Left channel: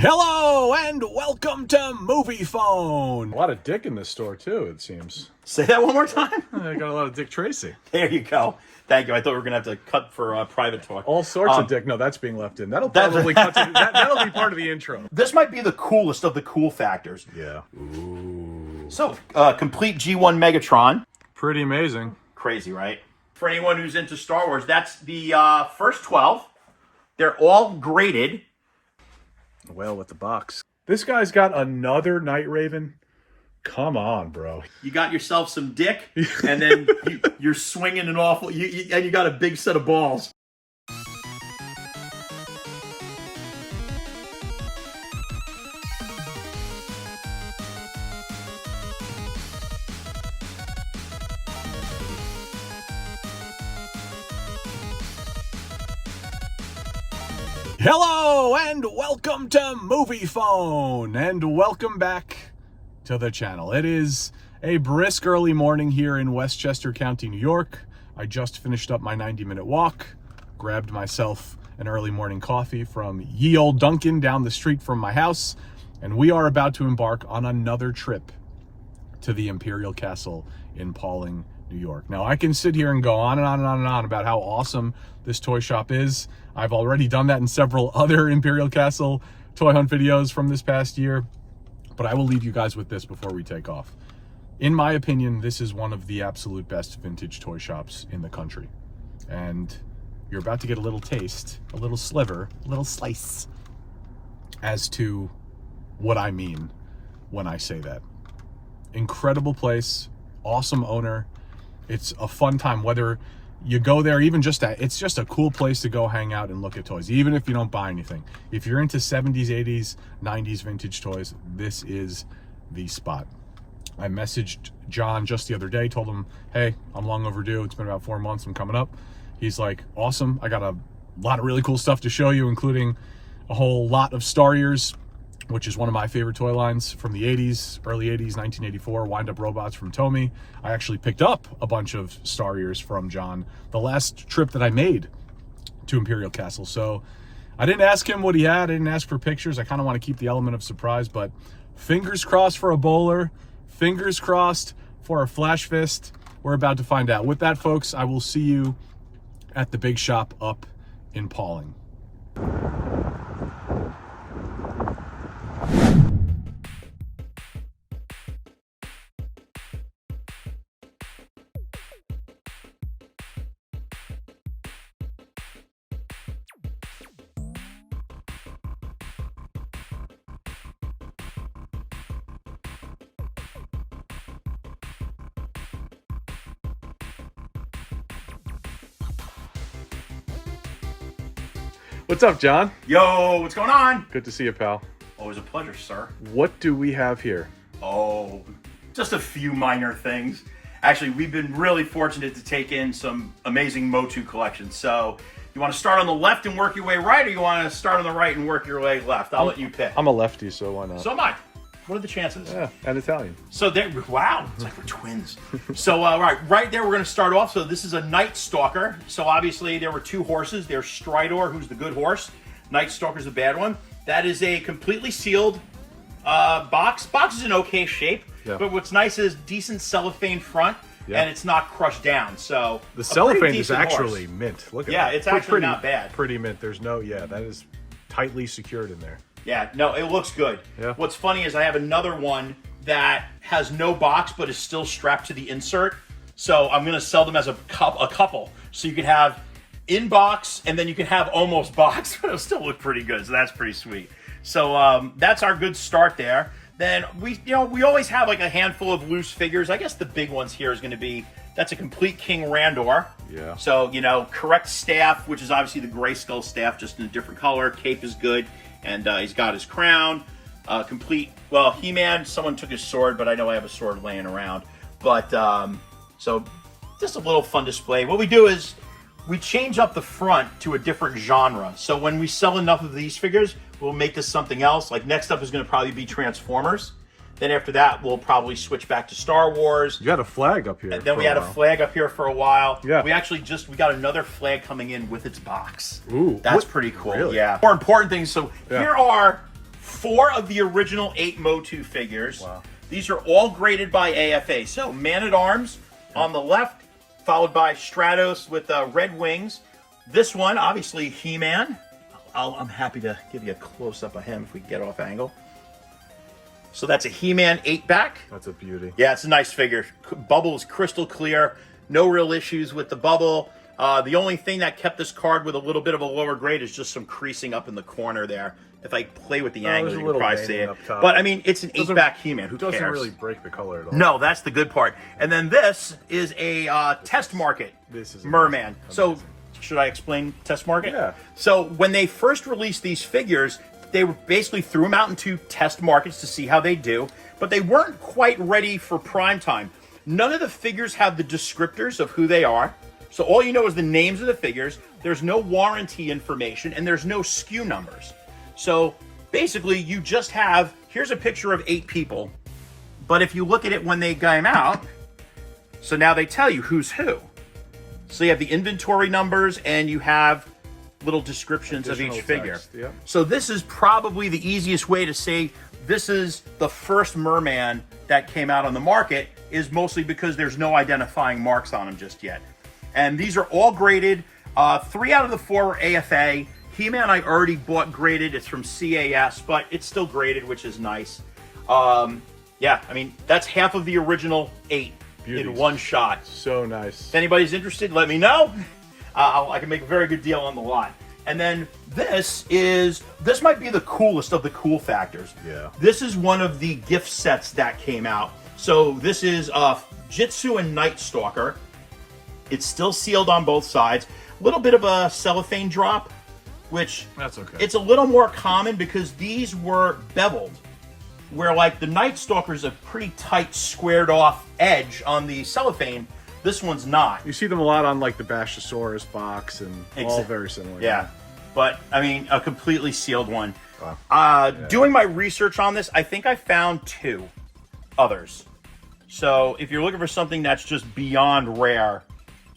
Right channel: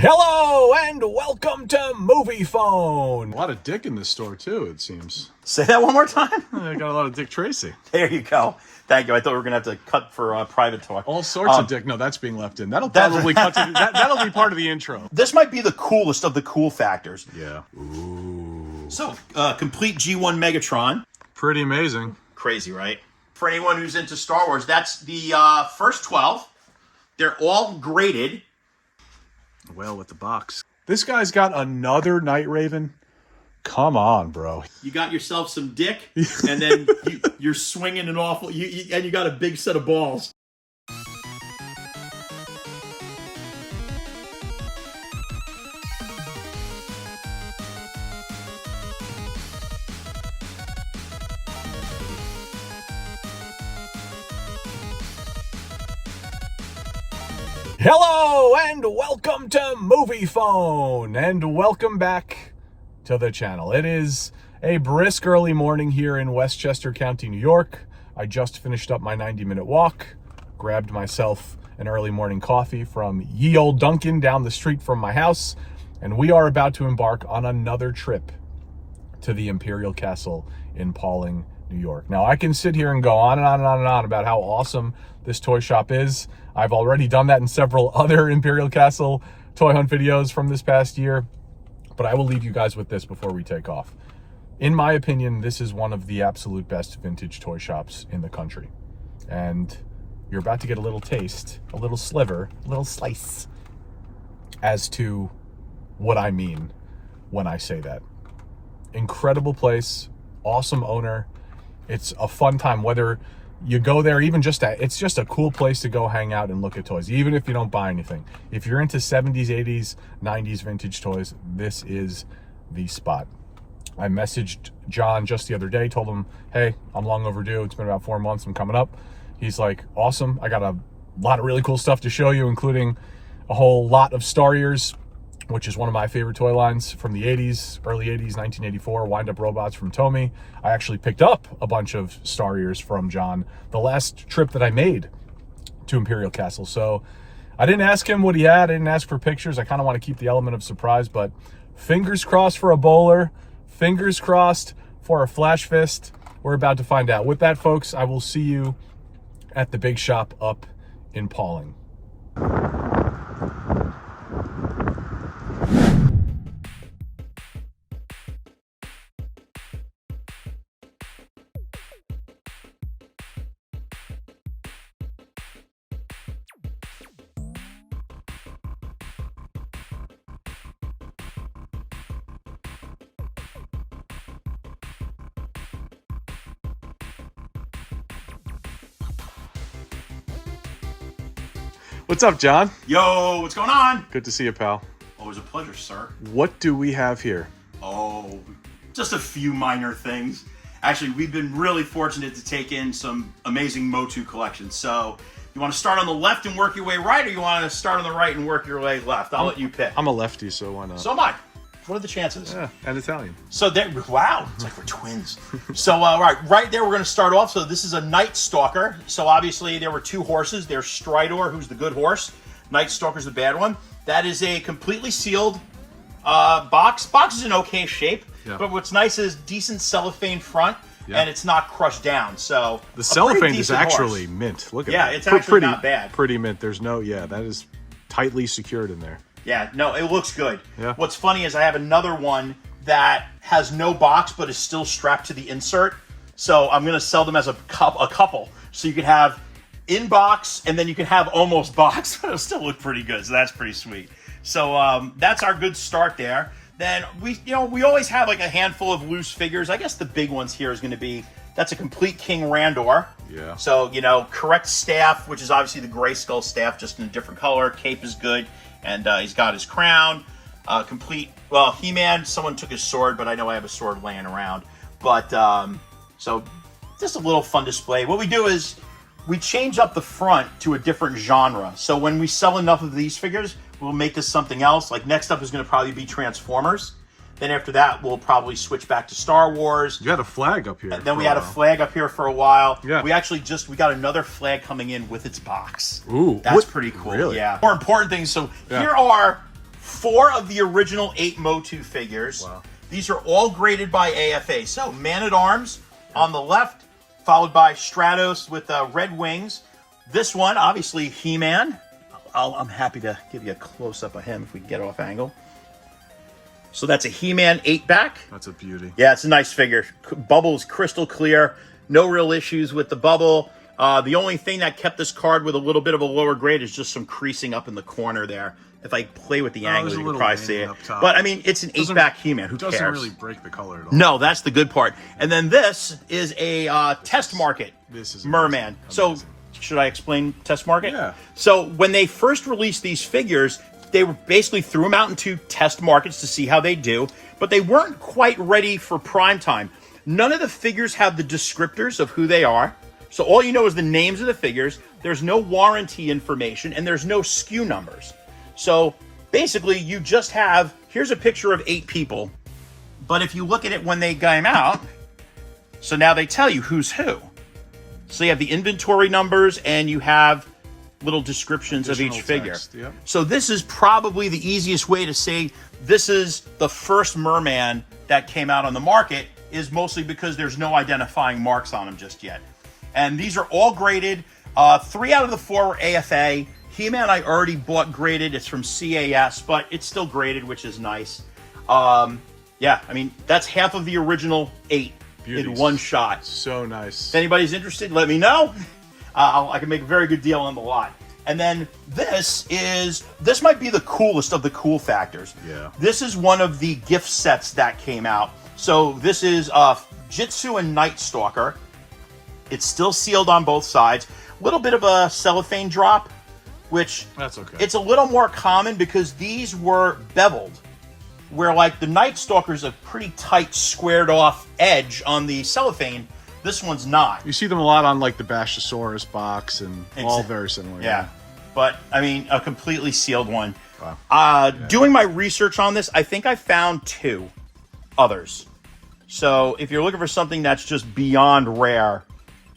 Hello and welcome to Movie Phone. A lot of dick in this store too, it seems. Say that one more time. I got a lot of Dick Tracy. There you go. Thank you. I thought we were gonna have to cut for private talk. All sorts of dick. No, that's being left in. That'll probably cut to that'll be part of the intro. This might be the coolest of the cool factors. Yeah. Ooh. So, complete G1 Megatron. Pretty amazing. Crazy, right? For anyone who's into Star Wars, that's the first 12. They're all graded. Well, with the box. This guy's got another Night Raven. Come on, bro. You got yourself some dick, and then you're swinging an awful... and you got a big set of balls. Hello and welcome to Movie Phone, and welcome back to the channel. It is a brisk early morning here in Westchester County, New York. I just finished up my 90-minute walk, grabbed myself an early morning coffee from ye old Dunkin' down the street from my house, and we are about to embark on another trip to the Imperial Castle in Pawling, New York. Now, I can sit here and go on and on and on and on about how awesome this toy shop is. I've already done that in several other Imperial Castle toy hunt videos from this past year, but I will leave you guys with this before we take off. In my opinion, this is one of the absolute best vintage toy shops in the country. And you're about to get a little taste, a little sliver, a little slice as to what I mean when I say that. Incredible place, awesome owner. It's a fun time, whether you go there, even it's just a cool place to go hang out and look at toys, even if you don't buy anything. If you're into 70s, 80s, 90s vintage toys, this is the spot. I messaged John just the other day, told him, hey, I'm long overdue. It's been about 4 months. I'm coming up. He's like, awesome. I got a lot of really cool stuff to show you, including a whole lot of Star Ears, which is one of my favorite toy lines from the 80s, early 80s, 1984, wind-up robots from Tomy. I actually picked up a bunch of Star Ears from John the last trip that I made to Imperial Castle. So I didn't ask him what he had. I didn't ask for pictures. I kind of want to keep the element of surprise, but fingers crossed for a bowler, fingers crossed for a flash fist. We're about to find out. With that, folks, I will see you at the big shop up in Pawling. What's up, John? Yo, what's going on? Good to see you, pal. Always a pleasure, sir. What do we have here? Oh, just a few minor things. Actually, we've been really fortunate to take in some amazing Motu collections. So, you want to start on the left and work your way right, or you want to start on the right and work your way left? I'll let you pick. I'm a lefty, so why not? So am I. What are the chances? Yeah, and Italian. So there, wow, it's like we're twins. So right there, we're going to start off. So this is a Night Stalker. So obviously there were two horses. There's Stridor, who's the good horse. Night Stalker's the bad one. That is a completely sealed box. Box is in okay shape, but what's nice is decent cellophane front, and it's not crushed down. So the cellophane is actually mint. Look at that. Yeah, it's actually not bad. Pretty mint. There's no, that is tightly secured in there. Yeah, no, it looks good. Yeah. What's funny is I have another one that has no box but is still strapped to the insert. So I'm going to sell them as a couple. So you can have in box and then you can have almost box. It'll still look pretty good. So that's pretty sweet. So that's our good start there. Then we always have like a handful of loose figures. I guess the big ones here is going to be, that's a complete King Randor. Yeah. So, correct staff, which is obviously the Grayskull staff, just in a different color. Cape is good. And he's got his crown, complete, well, He-Man, someone took his sword, but I know I have a sword laying around. But, so, just a little fun display. What we do is, we change up the front to a different genre. So when we sell enough of these figures, we'll make this something else. Like, next up is going to probably be Transformers. Then after that, we'll probably switch back to Star Wars. You had a flag up here. And then we had a flag up here for a while. Yeah. We actually we got another flag coming in with its box. Ooh. That's pretty cool. Really? Yeah. More important things. So here are 4 of the original 8 Motu figures. Wow. These are all graded by AFA. So Man-at-Arms on the left, followed by Stratos with red wings. This one, obviously, He-Man. I'm happy to give you a close-up of him if we can get off angle. So that's a He-Man 8-back. That's a beauty. Yeah, it's a nice figure. Bubble is crystal clear. No real issues with the bubble. The only thing that kept this card with a little bit of a lower grade is just some creasing up in the corner there. If I play with the angle, you can probably see it. up top. But, I mean, it's an 8-back He-Man. Who cares? Doesn't really break the color at all. No, that's the good part. And then this is a test market This is merman. amazing. So, should I explain test market? Yeah. So, when they first released these figures, they were basically threw them out into test markets to see how they do, but they weren't quite ready for prime time. None of the figures have the descriptors of who they are. So all you know is the names of the figures. There's no warranty information, and there's no SKU numbers. So basically, you just have, here's a picture of 8 people. But if you look at it when they came out, so now they tell you who's who. So you have the inventory numbers, and you have little descriptions of each figure. Text, yep. So this is probably the easiest way to say this is the first merman that came out on the market, is mostly because there's no identifying marks on them just yet. And these are all graded. 3 out of the 4 were AFA. He-Man I already bought graded. It's from CAS, but it's still graded, which is nice. Yeah, I mean, that's half of the original 8 in one shot. So nice. If anybody's interested, let me know. I can make a very good deal on the lot. And then this might be the coolest of the cool factors. Yeah. This is one of the gift sets that came out. So this is Jitsu and Night Stalker. It's still sealed on both sides. A little bit of a cellophane drop, which That's okay. it's a little more common because these were beveled. Where like the Night Stalker is a pretty tight, squared off edge on the cellophane. This one's not. You see them a lot on like the Bashosaurus box and all very similar. Yeah. But, I mean, a completely sealed one. Wow. Doing my research on this, I think I found 2 others. So, if you're looking for something that's just beyond rare,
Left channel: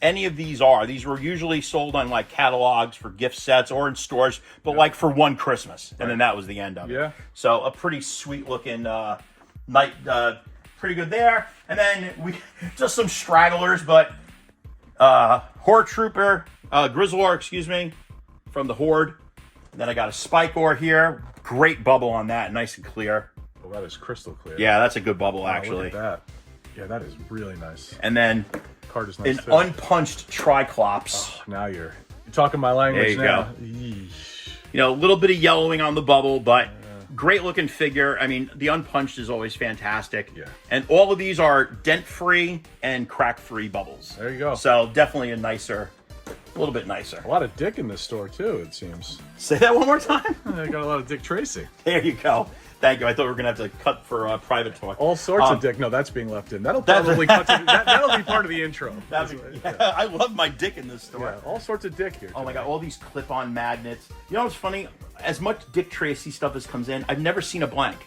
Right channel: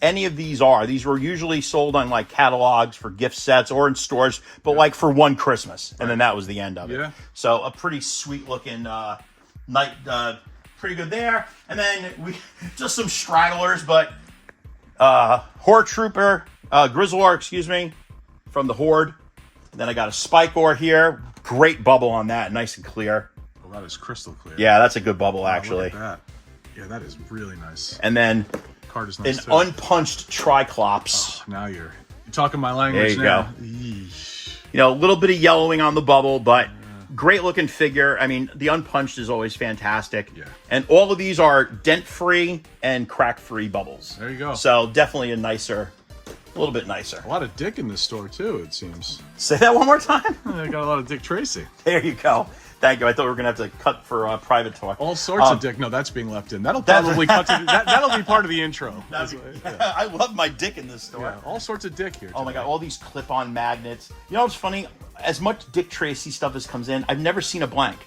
any of these are. These were usually sold on, like, catalogs for gift sets or in stores, but, like, for one Christmas. And then that was the end of it. Yeah. So, a pretty sweet-looking night, pretty good there. And then, just some stragglers, but Horde Trooper, Grizzlor, excuse me, from the Horde. And then I got a Spike Ore here. Great bubble on that, nice and clear. Well, that is crystal clear. Yeah, that's a good bubble, Wow, actually. Look at that. Yeah, that is really nice. And then Card is nice an too. unpunched Triclops. Oh, now you're talking my language There you now. go. Yeesh. You know, a little bit of yellowing on the bubble, but great looking figure. I mean, the unpunched is always fantastic. Yeah. And all of these are dent-free and crack-free bubbles. There you go. So definitely a little bit nicer. A lot of Dick in this store too, it seems. Say that one more time. I got a lot of Dick Tracy. There you go. Thank you. I thought we were going to have to cut for private talk. All sorts of Dick. No, that's being left in. That'll probably cut to that'll be part of the intro. I love my Dick in this store. Yeah, all sorts of Dick here. Oh my today. god, all these clip-on magnets. You know what's funny? As much Dick Tracy stuff as comes in, I've never seen a blank.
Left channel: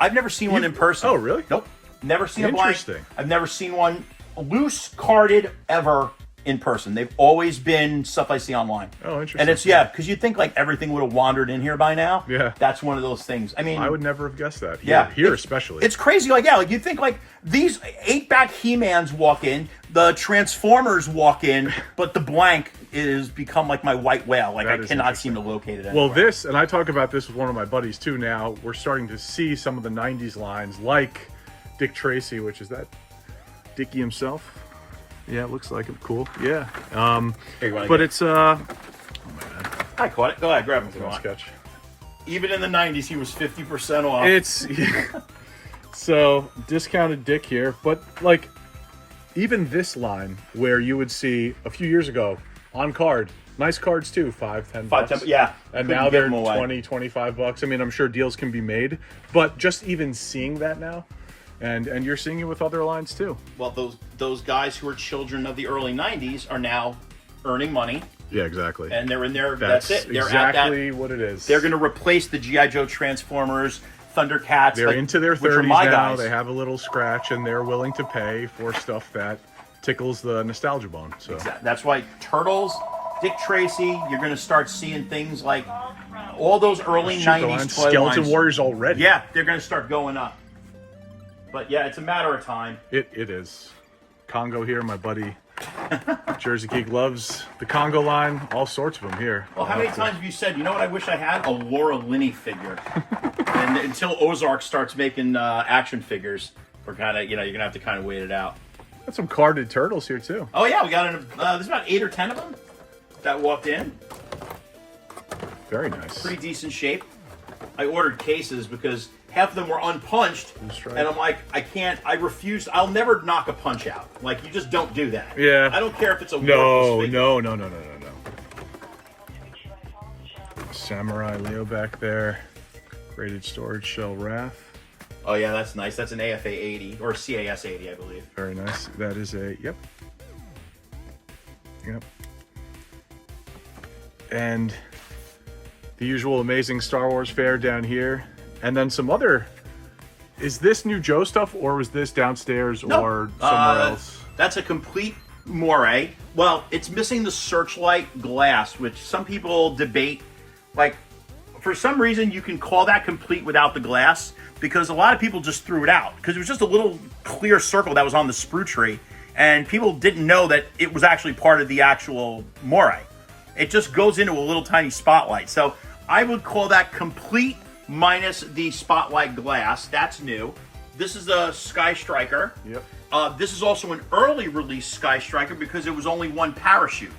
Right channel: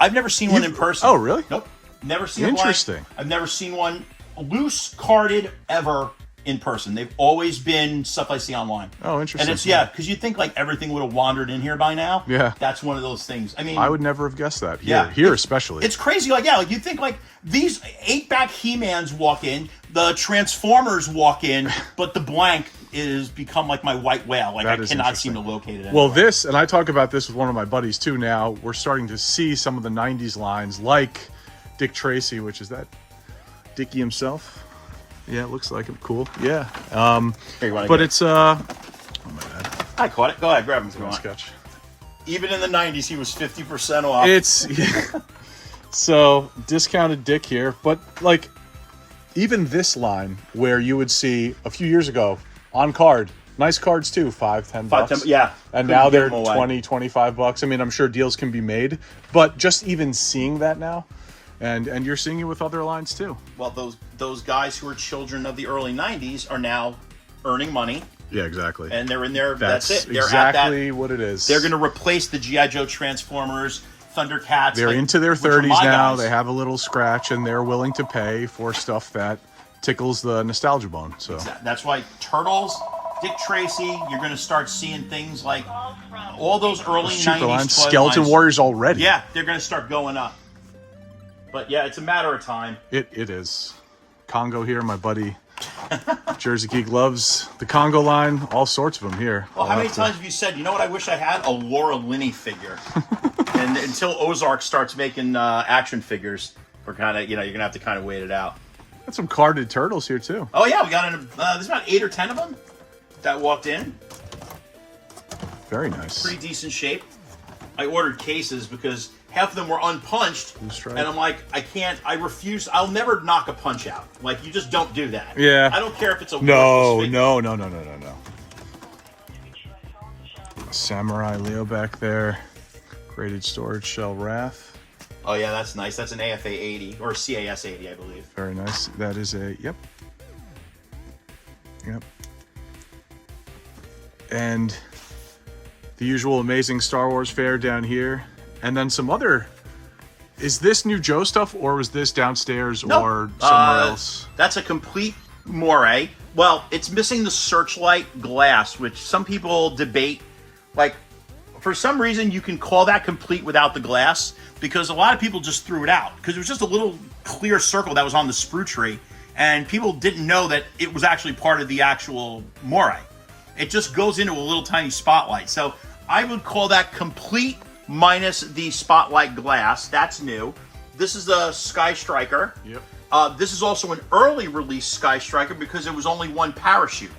I've never seen one in person. Oh, really? Nope. Never seen a blank. Interesting. I've never seen one loose carded ever in person. They've always been stuff I see online. Oh, interesting. And it's, yeah, because you'd think like everything would have wandered in here by now. Yeah. That's one of those things. I mean, I would never have guessed that. Yeah. Here especially. it's crazy. Like, yeah, like you'd think like these 8-back He-Mans walk in, the Transformers walk in, but the blank is become like my white whale. Like That I is cannot seem interesting. to locate it anywhere. Well, this, and I talk about this with one of my buddies too now, we're starting to see some of the 90s lines like Dick Tracy, which is that Dickie himself. Yeah, it looks like him. Cool. Yeah. Here, you wanna But go? it's, oh my God, I caught it. Go ahead, grab him if you nice want. sketch. Even in the 90s, he was 50% off. It's, yeah. So, discounted Dick here, but like, even this line where you would see a few years ago on card, nice cards too, $5-10 bucks. Yeah. And Couldn't now give they're them away. 20, 25 bucks. I mean, I'm sure deals can be made, but just even seeing that now, and you're seeing it with other lines too. Well, those guys who are children of the early 90s are now earning money, Yeah, exactly. and they're in there. That's it. They're exactly what it is. They're going to replace the G.I. Joe Transformers, Thundercats. They're like, into their which are 30s my now. guys. They have a little scratch, and they're willing to pay for stuff that tickles the nostalgia bone. So That's why Turtles, Dick Tracy, you're going to start seeing things like all those early Super 90s lines, toy Skeleton lines, Warriors already. yeah, they're going to start going up. But yeah, it's a matter of time. It is. Congo here, my buddy. Jersey Geek loves the Congo line. All sorts of them here. Well, how many times have you said, you know what I wish I had? A Laura Linney figure. And until Ozark starts making action figures, we're kind of, you're going to have to kind of wait it out. Got some carded turtles here, too. Oh, yeah, we got there's about 8 or 10 of them that walked in. Very nice. Pretty decent shape. I ordered cases because half of them were unpunched. And I'm like, I refuse. I'll never knock a punch out. Like, you just don't do that. Yeah. I don't care if it's a No. worthless Samurai Leo back there. Graded storage shell Wrath. Oh, yeah, that's nice. That's an AFA 80 or CAS 80, I believe. Very nice. That is a, yep. And the usual amazing Star Wars fare down here. And then some other, is this new Joe stuff or was this downstairs or somewhere else? That's a complete moire. Well, it's missing the searchlight glass, which some people debate. Like, for some reason, you can call that complete without the glass because a lot of people just threw it out because it was just a little clear circle that was on the sprue tree. And people didn't know that it was actually part of the actual moire. It just goes into a little tiny spotlight. So I would call that complete minus the spotlight glass. That's new. This is the Sky Striker. Yep. This is also an early release Sky Striker because it was only one parachute.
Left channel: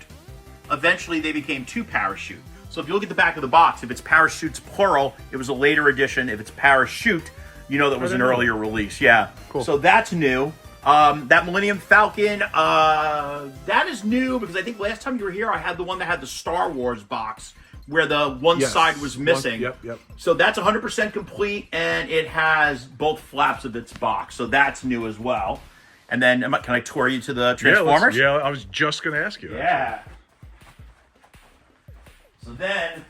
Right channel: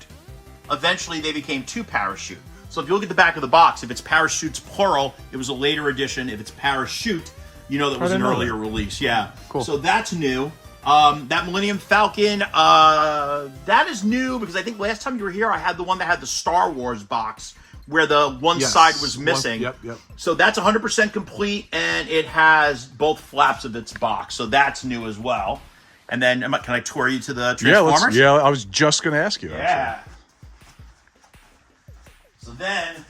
Eventually, they became 2 parachute. So if you look at the back of the box, if it's parachutes plural, it was a later edition. If it's parachute, you know that was an earlier release. Yeah. Cool. So that's new. That Millennium Falcon, that is new because I think last time you were here, I had the one that had the Star Wars box where the one side was missing. Yep. So that's 100% complete, and it has both flaps of its box. So that's new as well. And then, can I tour you to the Transformers? Yeah, I was just going to ask you. Yeah. Actually. So then...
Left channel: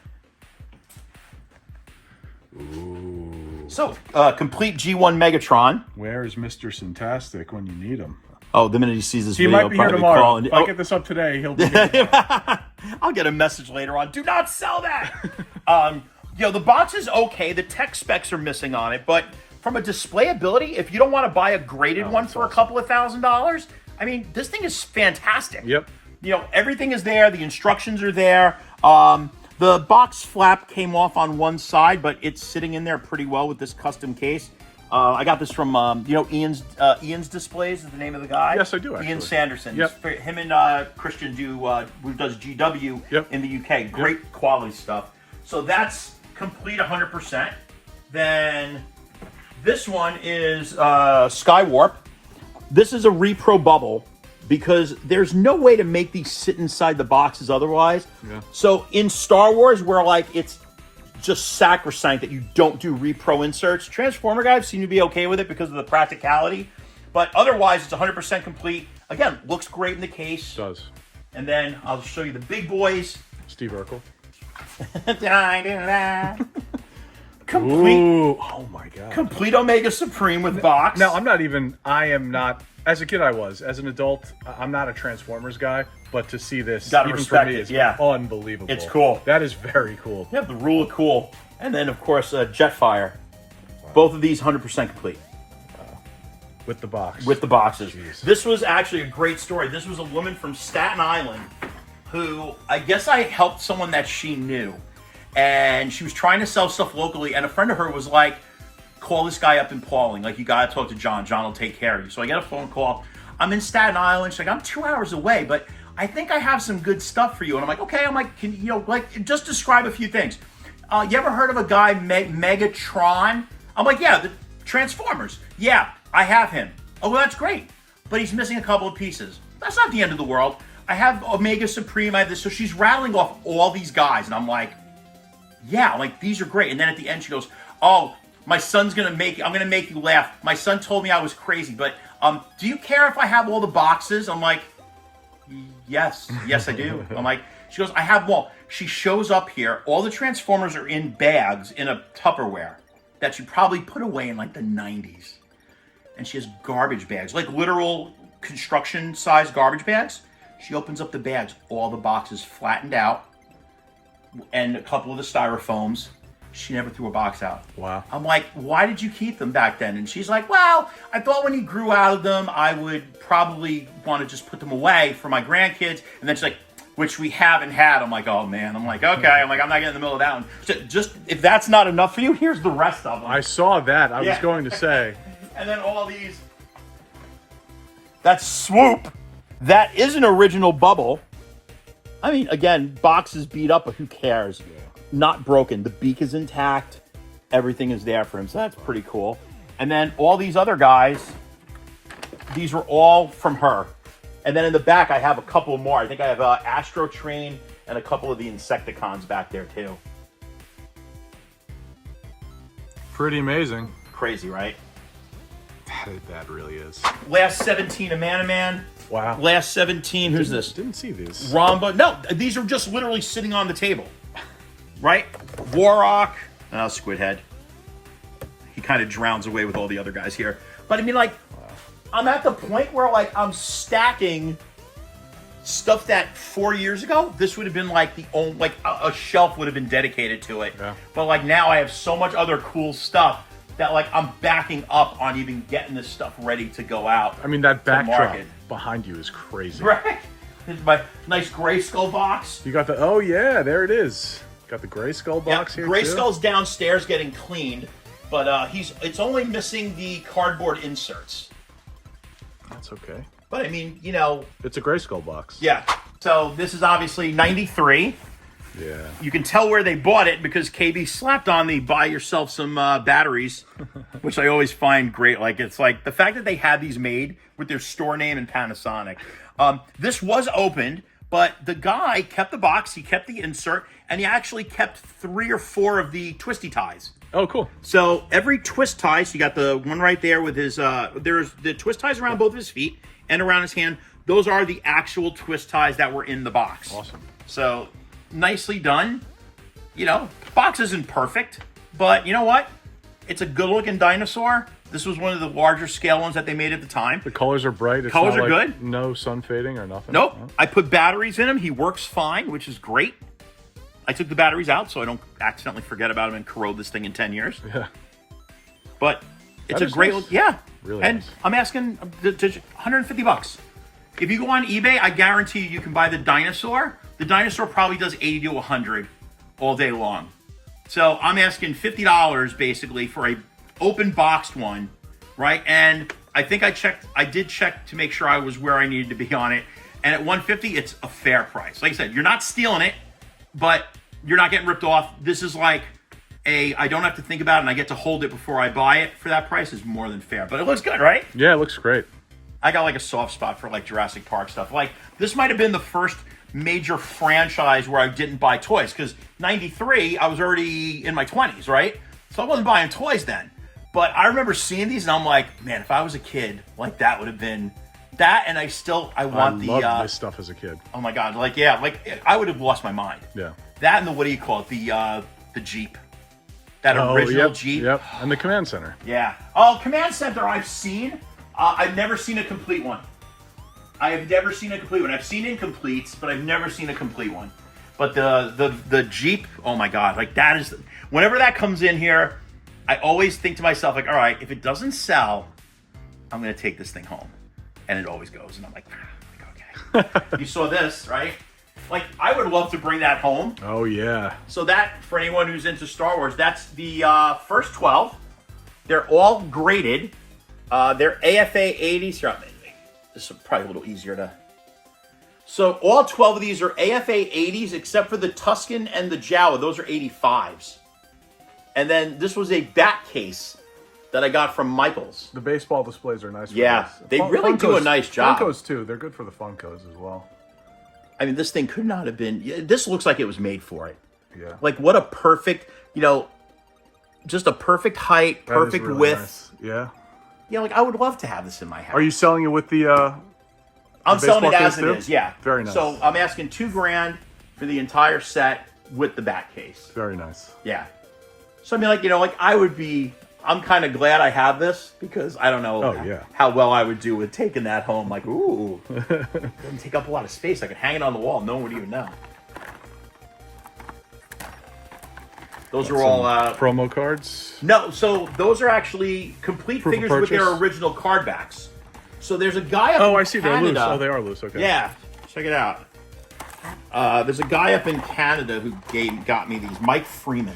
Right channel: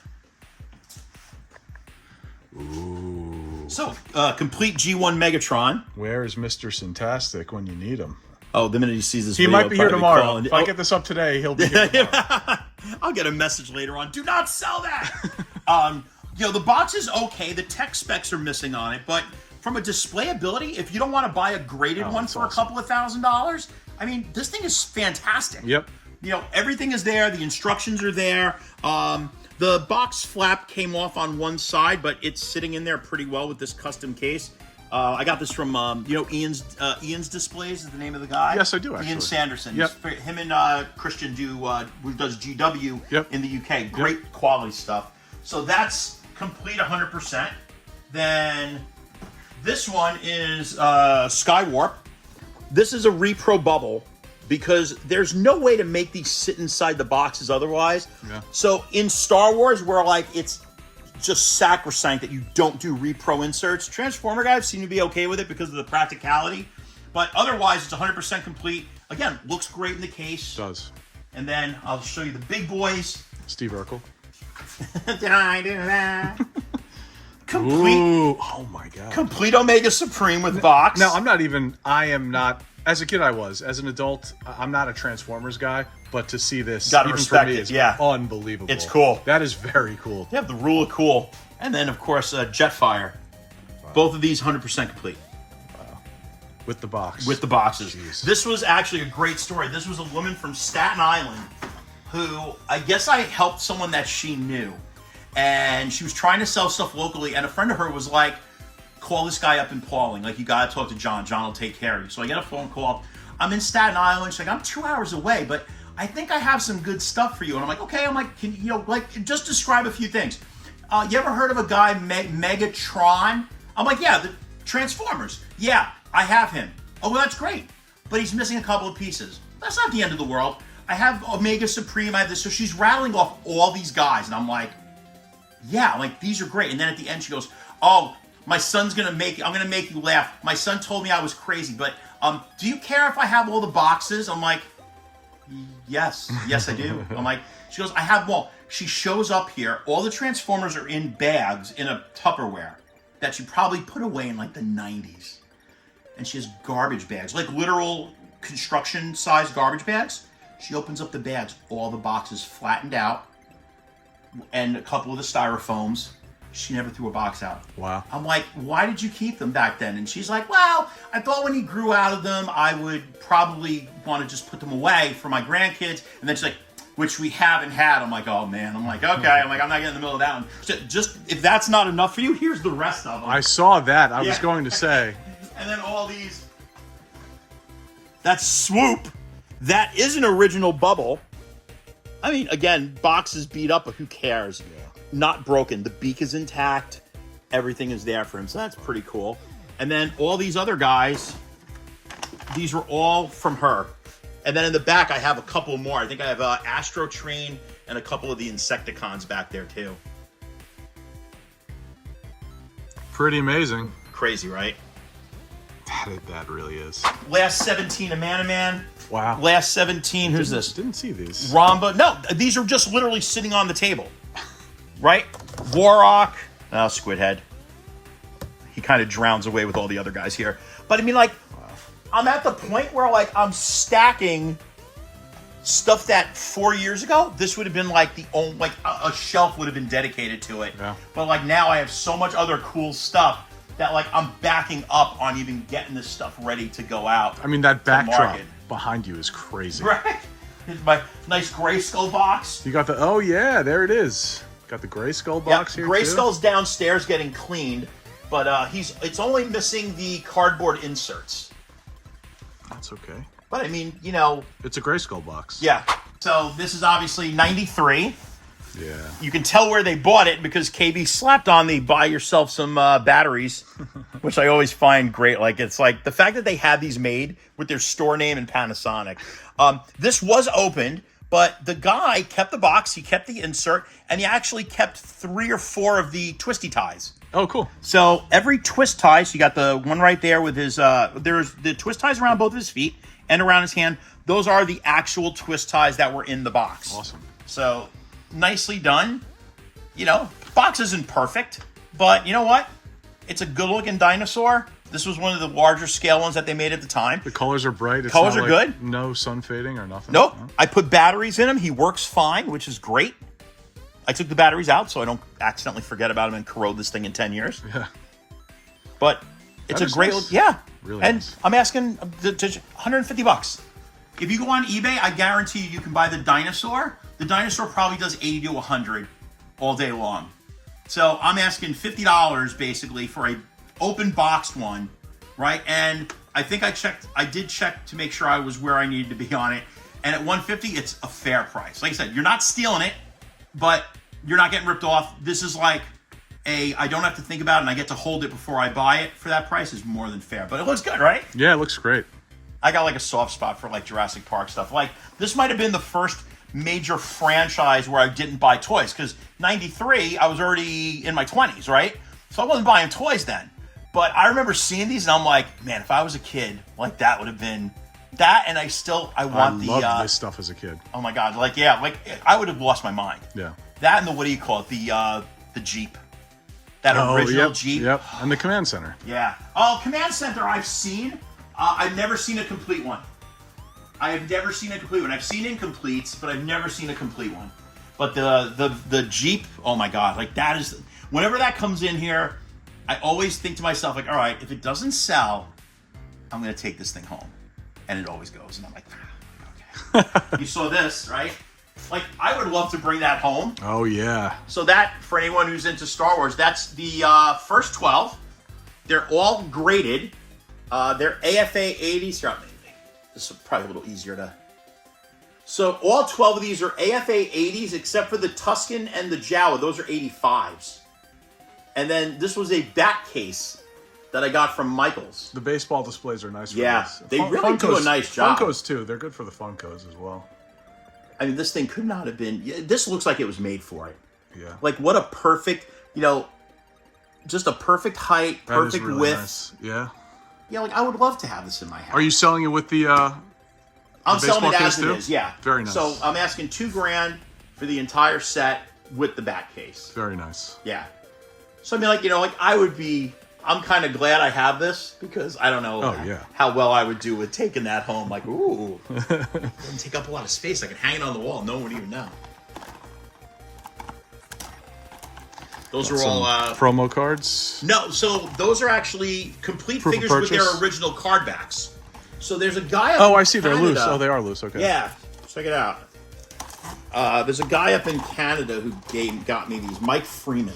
Ooh. So, complete G1 Megatron. Where is Mr. Fantastic when you need him? Oh, the minute he sees this He video, might be here probably tomorrow. calling. If I get this up today, he'll be here tomorrow. I'll get a message later on. Do not sell that. The box is okay. The tech specs are missing on it, but from a display ability, if you don't want to buy a graded one for a couple of $1,000s, I mean, this thing is fantastic. Yep. Everything is there. The instructions are there. The box flap came off on one side, but it's sitting in there pretty well with this custom case. I got this from, Ian's Displays is the name of the guy. Yes, I do, actually. Ian Sanderson. Yep. Him and Christian who does GW in the UK. Great quality stuff. So that's complete 100%. Then this one is Skywarp. This is a repro bubble because there's no way to make these sit inside the boxes otherwise. Yeah. So in Star Wars, where it's just sacrosanct that you don't do repro inserts, Transformer guys seem to be okay with it because of the practicality. But otherwise, it's 100% complete. Again, looks great in the case. It does. And then I'll show you the big boys. Steve Urkel. Complete. Ooh, oh my God. Complete Omega Supreme with box. Now, I am not, as a kid I was. As an adult, I'm not a Transformers guy, but to see this, Gotta even for respect me, it, is yeah. unbelievable. It's cool. That is very cool. You have the rule of cool. And then, of course, Jetfire. Both of these 100% complete. With the box. With the boxes. Jeez. This was actually a great story. This was a woman from Staten Island who, I guess I helped someone that she knew. And she was trying to sell stuff locally, and a friend of her was like, call this guy up in Pauling. Like, you gotta talk to John. John will take care of you. So I get a phone call. I'm in Staten Island. She's like, I'm 2 hours away, but I think I have some good stuff for you. And I'm like, okay. I'm like, can just describe a few things. You ever heard of a guy, Megatron? I'm like, yeah, the Transformers. Yeah, I have him. Oh, well, that's great. But he's missing a couple of pieces. That's not the end of the world. I have Omega Supreme. I have this. So she's rattling off all these guys. And I'm like, yeah, like, these are great. And then at the end, she goes, oh, my son's I'm going to make you laugh. My son told me I was crazy, but do you care if I have all the boxes? I'm like, yes, I do. I'm like, she goes, I have them all. She shows up here. All the Transformers are in bags in a Tupperware that she probably put away in like the 90s. And she has garbage bags, like literal construction size garbage bags. She opens up the bags, all the boxes flattened out. and a couple of the styrofoams. She never threw a box out. Wow. I'm like, why did you keep them back then? And she's like, well, I thought when he grew out of them, I would probably want to just put them away for my grandkids. And then she's like, which we haven't had. I'm like, oh man. I'm like, okay. I'm like, I'm not getting in the middle of that one. Just if that's not enough for you, here's the rest of them. I saw that. I was going to say. And then all these. That's Swoop. That is an original bubble. I mean, again, box is beat up, but who cares? Yeah. Not broken. The beak is intact. Everything is there for him. So that's pretty cool. And then all these other guys, these were all from her. And then in the back, I have a couple more. I think I have Astro Train and a couple of the Insecticons back there too. Pretty amazing. Crazy, right? That really is. Last 17 of Man. Wow. Last 17, who's this? Didn't see these. Ramba. No, these are just literally sitting on the table. Right? Warrock. No, Squidhead. He kind of drowns away with all the other guys here. But I mean, like, I'm at the point where, like, I'm stacking stuff that 4 years ago, this would have been like the only, like, a shelf would have been dedicated to it. Yeah. But, like, now I have so much other cool stuff that, like, I'm backing up on even getting this stuff ready to go out. I mean, that backdrop market. behind you is crazy. Right? Here's my nice Grayskull box. You got the, oh yeah, there it is. Got the Grayskull box here too. Grayskull's downstairs getting cleaned, but it's only missing the cardboard inserts. That's okay. But I mean, you know, it's a Grayskull box. Yeah. So this is obviously 93. Yeah. You can tell where they bought it because KB slapped on the buy yourself some batteries, which I always find great. Like, it's like the fact that they had these made with their store name and Panasonic. This was opened, but the guy kept the box, he kept the insert, and he actually kept 3 or 4 of the twisty ties. Oh, cool. So every twist tie, so you got the one right there with his, there's the twist ties around both of his feet and around his hand. Those are the actual twist ties that were in the box. Awesome. So nicely done. You know, box isn't perfect, but you know what? It's a good looking dinosaur. This was one of the larger scale ones that they made at the time. The colors are bright. It's colors not are like good. No sun fading or nothing. Nope. No. I put batteries in him. He works fine, which is great. I took the batteries out so I don't accidentally forget about him and corrode this thing in 10 years. Yeah. But it's That a great, nice. yeah. Really and nice. I'm asking $150. If you go on eBay, I guarantee you can buy the dinosaur. The dinosaur probably does 80 to 100 all day long. So I'm asking $50 basically for a open boxed one, right? And I think I did check to make sure I was where I needed to be on it. And at $150, it's a fair price. Like I said, you're not stealing it, but you're not getting ripped off. This is like I don't have to think about it and I get to hold it before I buy it for that price is more than fair. But it looks good, right? Yeah, it looks great. I got like a soft spot for like Jurassic Park stuff. Like this might have been the first major franchise where I didn't buy toys because 93, I was already in my 20s, right? So I wasn't buying toys then. But I remember seeing these and I'm like, man, if I was a kid, like that would have been that. And I loved this stuff as a kid. Oh my God. Like, yeah, like I would have lost my mind. Yeah. That and the, what do you call it? The Jeep. That original Jeep. Yep. And the command center. Yeah. Oh, command center I've seen. I've never seen a complete one. I have never seen a complete one. I've seen incompletes, but I've never seen a complete one. But the Jeep, oh my God, like that is, whenever that comes in here, I always think to myself, like, all right, if it doesn't sell, I'm going to take this thing home. And it always goes. And I'm like okay. You saw this, right? Like, I would love to bring that home. Oh, yeah. So that, for anyone who's into Star Wars, that's the first 12. They're all graded. They're AFA 80s. Here, this is probably a little easier to... So all 12 of these are AFA 80s, except for the Tusken and the Jawa. Those are 85s. And then this was a bat case that I got from Michaels. The baseball displays are nice for Yeah, this. they really do a nice job. Funkos, too. They're good for the Funkos as well. I mean, this thing could not have been... This looks like it was made for it. Yeah. Like, what a perfect, just a perfect height, perfect that is really width. Nice. Yeah. Yeah, like, I would love to have this in my house. Are you selling it with the I'm baseball selling it case as too? it is, yeah. Very nice. So I'm asking $2,000 for the entire set with the bat case. Very nice. Yeah. So I mean, like, I'm kind of glad I have this because I don't know how well I would do with taking that home. Like, ooh, it doesn't take up a lot of space. I could hang it on the wall. No one would even know. Those Got are all promo cards. no. So those are actually complete Proof of figures with purchase? their original card backs. So there's a guy. Up Oh, in I see. They're Canada. loose. Oh, they are loose. Okay. Yeah, check it out. There's a guy up in Canada who got me these. Mike Freeman.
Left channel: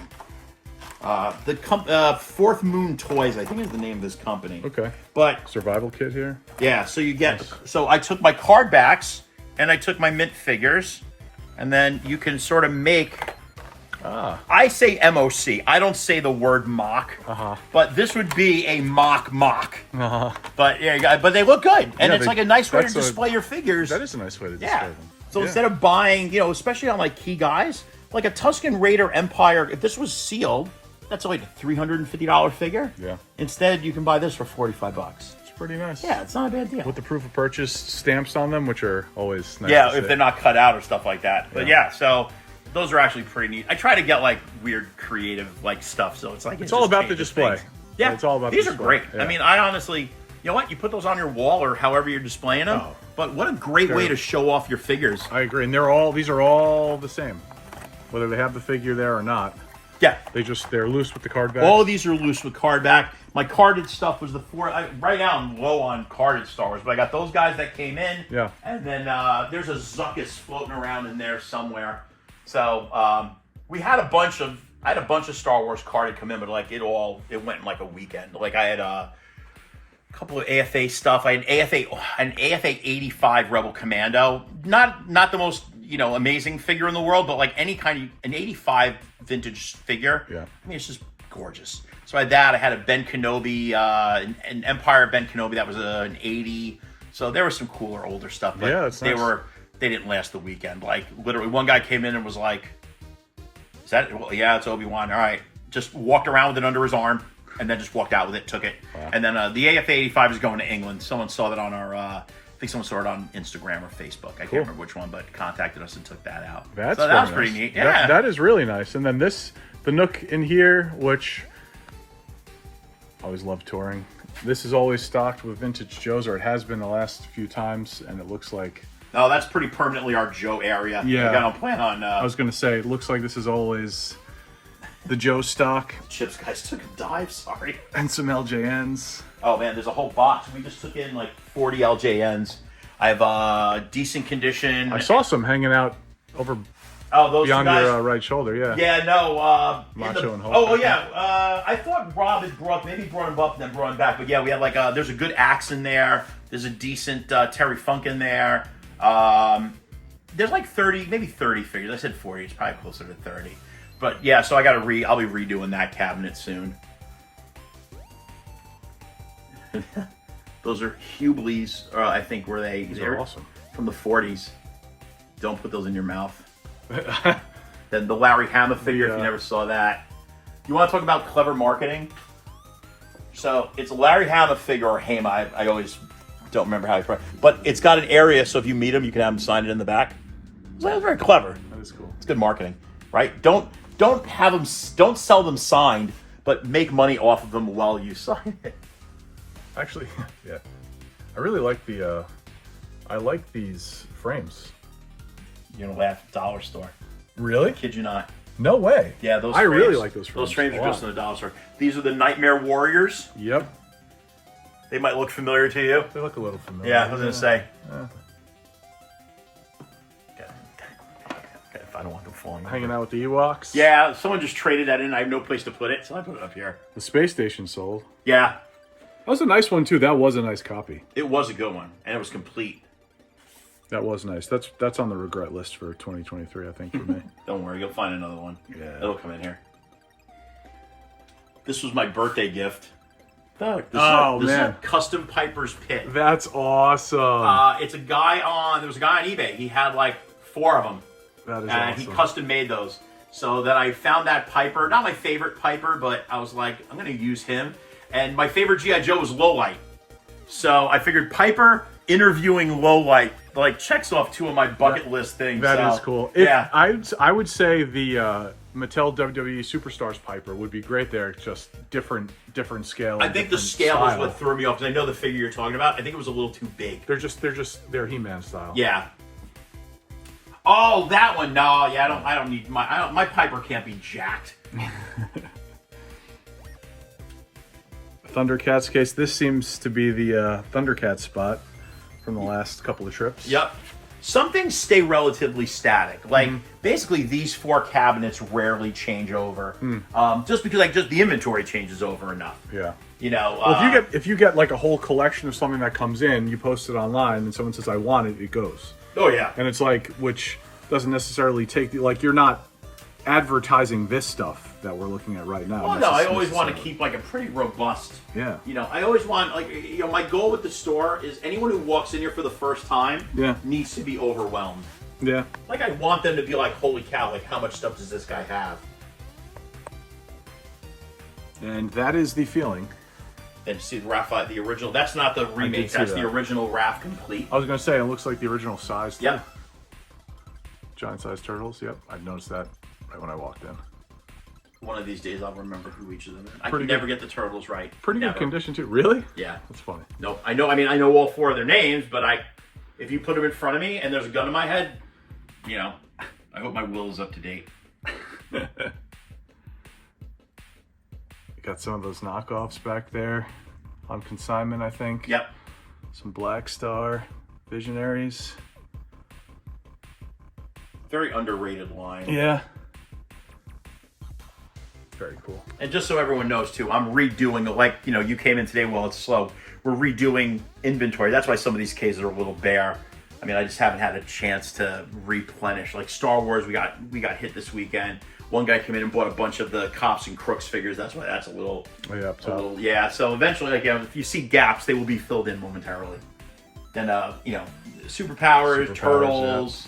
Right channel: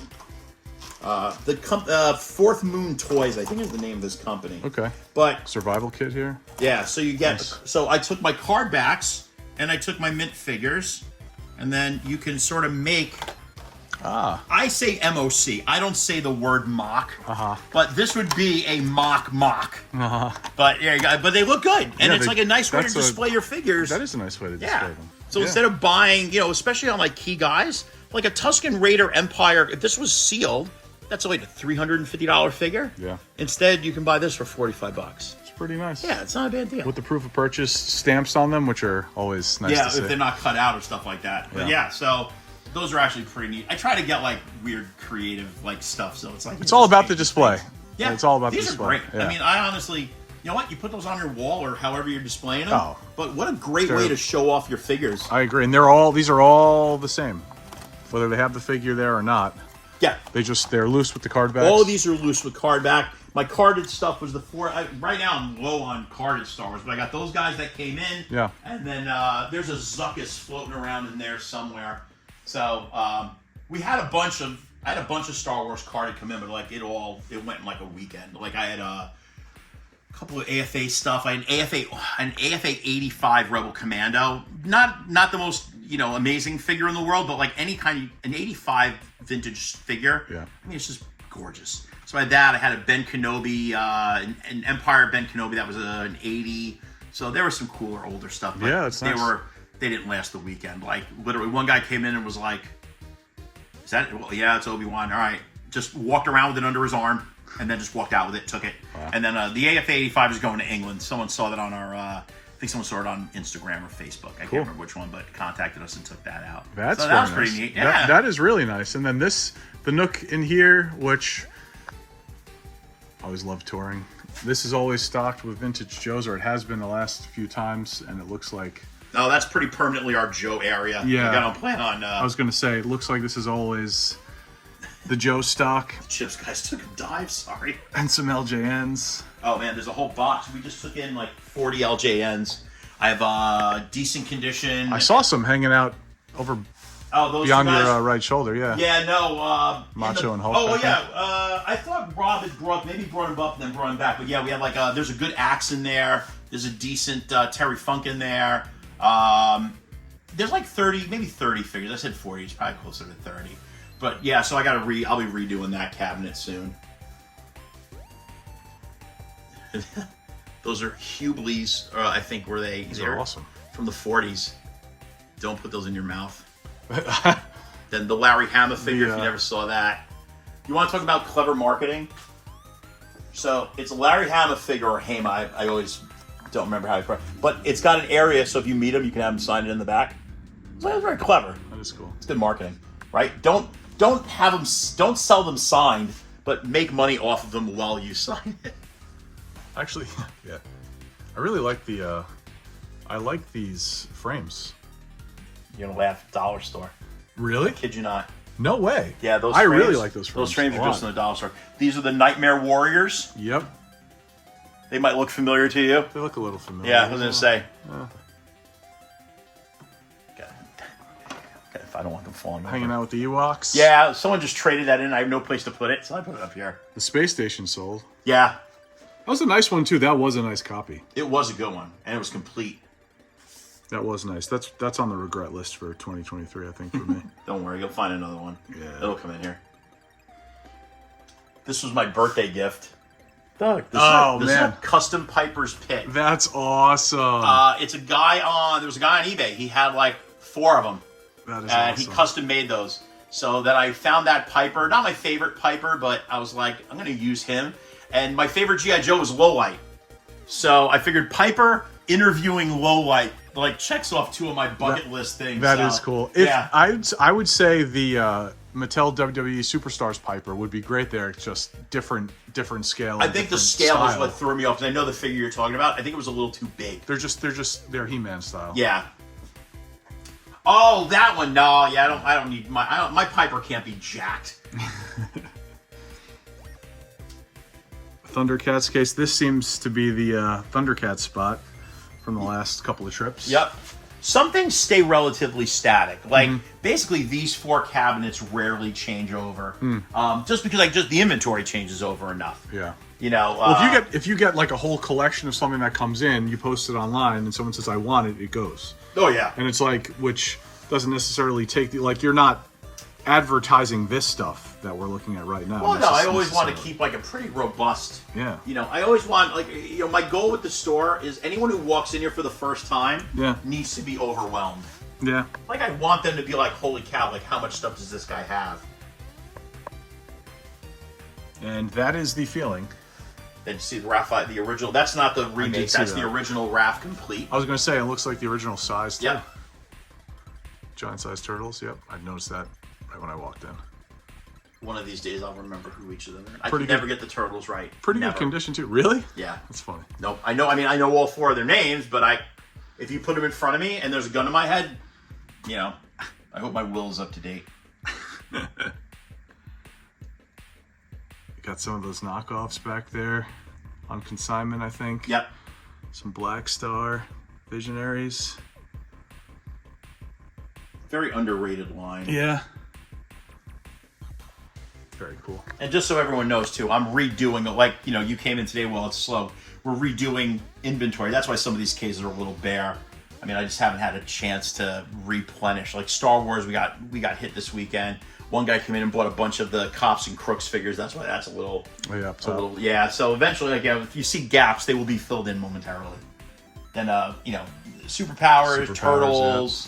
Fourth Moon Toys, I think is the name of this company. Okay. But survival kit here. yeah, so you get. Nice. So I took my card backs and I took my mint figures, and then you can sort of make. I say MOC. I don't say the word mock. But this would be a mock. But yeah, but they look good, and it's like a nice way to display your figures. That is a nice way to display them. So instead of buying, especially on like key guys, like a Tusken Raider Empire, if this was sealed, that's only a $350 figure. Yeah. Instead, you can buy this for $45. It's pretty nice. Yeah, it's not a bad deal. With the proof of purchase stamps on them, which are always nice. Yeah, to if see. they're not cut out or stuff like that. But yeah, so those are actually pretty neat. I try to get like weird, creative like stuff, so it's like it's all about the display. Things. Yeah, it's all about these the display. are great. Yeah. I mean, I honestly, you know what? You put those on your wall or however you're displaying them. Oh. But what a great way to show off your figures. I agree, and these are all the same, whether they have the figure there or not. Yeah, they're loose with the card backs. all of these are loose with card back. My carded stuff was right now I'm low on carded Star Wars, but I got those guys that came in. Yeah. And then there's a Zuckus floating around in there somewhere. So I had a bunch of Star Wars carded come in, but like it went in like a weekend. Like I had a couple of AFA stuff. I had an AFA 85 Rebel Commando. Not the most amazing figure in the world, but like an 85 vintage figure. Yeah. I mean, it's just gorgeous. So I had that. I had a Ben Kenobi, an Empire Ben Kenobi that was an 80. So there was some cooler, older stuff. But yeah, that's nice. They didn't last the weekend. Like literally, one guy came in and was like, "Is that? Well, yeah, it's Obi-Wan. All right." Just walked around with it under his arm, and then just walked out with it, took it. Wow. And then the AFA 85 is going to England. Someone saw that on our. I think someone saw it on Instagram or Facebook. I can't remember which one, but contacted us and took that out. That was pretty neat. Yeah, that is really nice. And then the nook in here, which I always love touring. This is always stocked with vintage Joes, or it has been the last few times, and it looks like. Oh, that's pretty permanently our Joe area. Yeah, I don't plan on. I was going to say, it looks like this is always the Joe stock. Chips guys took a dive. Sorry. And some LJNs. Oh man, there's a whole box. We just took in like 40 LJNs. I have decent condition. I saw some hanging out over those beyond guys, your right shoulder. Yeah. Yeah, no. Macho and Hulk. Oh, yeah. I thought Rob had brought him up and then brought him back. But yeah, we had like there's a good axe in there. There's a decent Terry Funk in there. There's like 30, maybe 30 figures. I said 40. It's probably closer to 30. But yeah, so I'll be redoing that cabinet soon. Those are Hubleys, I think, were they? These are awesome. From the 40s. Don't put those in your mouth. Then the Larry Hama figure, if you never saw that. You want to talk about clever marketing? So it's a Larry Hama figure, or Hama. I always don't remember how you pronounce it. But it's got an area, so if you meet him, you can have him sign it in the back. So that's very clever. That is cool. It's good marketing, right? Don't sell them signed, but make money off of them while you sign it. Actually, yeah. I really like I like these frames. You're gonna laugh at the dollar store. Really? Kid you not. No way. Yeah, those I frames, really like those frames. Those frames are just in the dollar store. These are the Nightmare Warriors. Yep. They might look familiar to you. They look a little familiar. Yeah, I was gonna say. If I don't want them falling. Hanging out with the Ewoks. Yeah, someone just traded that in. I have no place to put it, so I put it up here. The space station sold. Yeah. That was a nice one too. That was a nice copy. It was a good one, and it was complete. That was nice. That's on the regret list for 2023, I think, for me. Don't worry, you'll find another one. Yeah. It'll come in here. This was my birthday gift. This is a custom Piper's Pit. That's awesome. It's a guy there was a guy on eBay. He had like 4 of them. That is and awesome. He custom made those. So then I found that Piper, not my favorite Piper, but I was like, I'm going to use him. And my favorite G.I. Joe was Lowlight. So I figured Piper interviewing Lowlight, like, checks off 2 of my bucket list things. That is cool. I would say the Mattel WWE Superstars Piper would be great there. Just different scale. I think the scale was what threw me off, because I know the figure you're talking about. I think it was a little too big. They're He-Man style. Yeah. Oh, that one. No, yeah, I don't need my Piper can't be jacked. Thundercats case. This seems to be the Thundercat spot from the last couple of trips. Yep. Some things stay relatively static. Like basically these 4 cabinets rarely change over. Just because just the inventory changes over enough. Yeah. You know. Well, if you get like a whole collection of something that comes in, you post it online, and someone says I want it, it goes. Oh yeah. And it's like, which doesn't necessarily take the, like, you're not advertising this stuff that we're looking at right now. Well, no, I always want to keep like a pretty robust. Yeah. You know, I always want my goal with the store is anyone who walks in here for the first time needs to be overwhelmed. Yeah. Like I want them to be like, holy cow, like how much stuff does this guy have? And that is the feeling. Then see the Raph, the original. That's not the remake. That's the original Raph complete. I was going to say, it looks like the original size too. Yeah. Giant sized turtles. Yep. I noticed that right when I walked in. One of these days I'll remember who each of them is. I Pretty can good. never get the turtles right. Pretty Never. good condition too. Really? Yeah. That's funny. Nope. I know all 4 of their names, but if you put them in front of me and there's a gun to my head, you know, I hope my will is up to date. Got some of those knockoffs back there on consignment, I think. Yep. Some Black Star Visionaries. Very underrated line. Yeah. Very cool. And just so everyone knows too, I'm redoing, like, you know, you came in today while it's slow. We're redoing inventory. That's why some of these cases are a little bare. I mean, I just haven't had a chance to replenish. Like Star Wars, we got hit this weekend. One guy came in and bought a bunch of the Cops and Crooks figures. That's why that's a little. Oh, yeah, up top. Yeah. So eventually, like, you know, if you see gaps, they will be filled in momentarily. Then, you know, Superpowers, Turtles,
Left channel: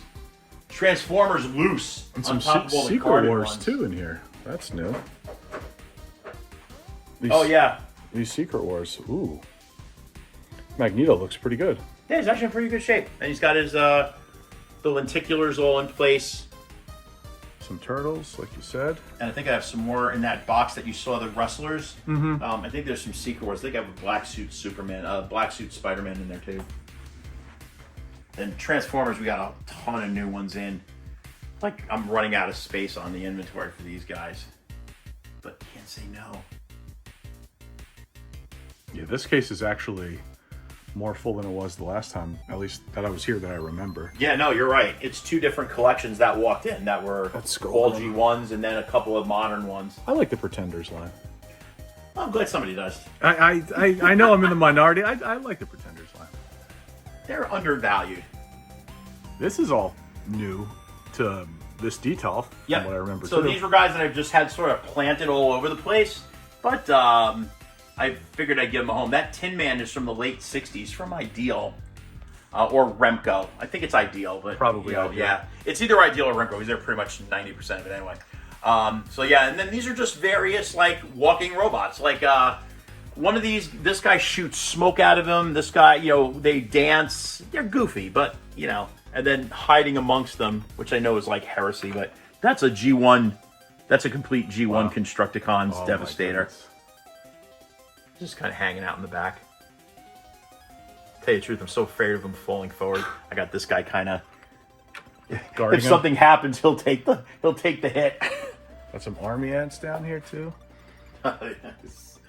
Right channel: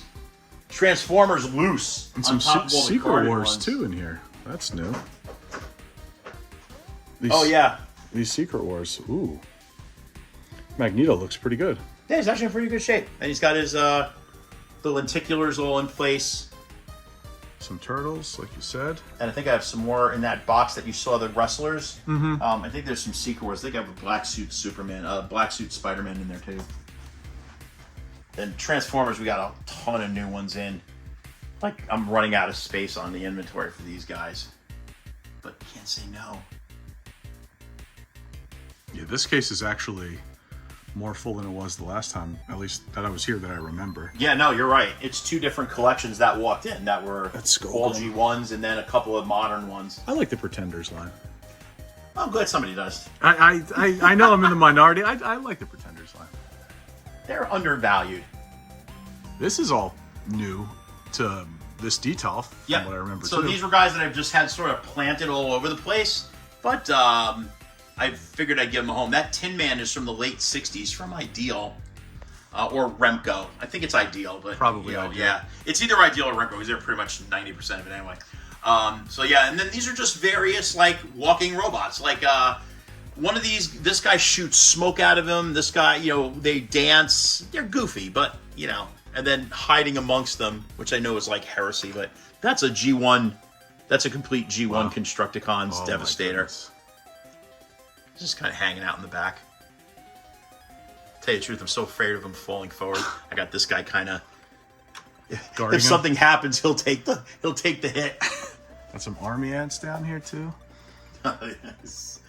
Transformers loose, and some Secret Wars too in here. That's new. These Secret Wars. Ooh. Magneto looks pretty good. Yeah, he's actually in pretty good shape, and he's got his the lenticulars all in place. Some turtles, like you said. And I think I have some more in that box that you saw, the wrestlers. I think there's some Secret Wars. I think I have a black suit Superman, black suit Spider-Man in there too. And Transformers, we got a ton of new ones in. Like, I'm running out of space on the inventory for these guys. But can't say no. Yeah, this case is actually more full than it was the last time, at least that I was here, that I remember. Yeah, no, you're right. It's 2 different collections that walked in that were all G1s and then a couple of modern ones. I like the Pretenders line. I'm glad somebody does. I know I'm in the minority. I like the Pretenders line. They're undervalued. This is all new to this detail, from what I remember So too. these were guys that I've just had sort of planted all over the place, but I figured I'd give them a home. That Tin Man is from the late 60s from Ideal, or Remco. I think it's Ideal, but Probably Ideal. Yeah, it's either Ideal or Remco because they're pretty much 90% of it anyway. So yeah, and then these are just various like walking robots. Like one of these, this guy shoots smoke out of him. This guy, you know, they dance. They're goofy, but you know, and then hiding amongst them, which I know is like heresy, but that's a G1. That's a complete G1 Constructicons Devastator. Just kind of hanging out in the back. Tell you the truth, I'm so afraid of him falling forward. I got this guy kind of. Guarding if something happens, he'll take the hit. Got some army ants down here too. Yes.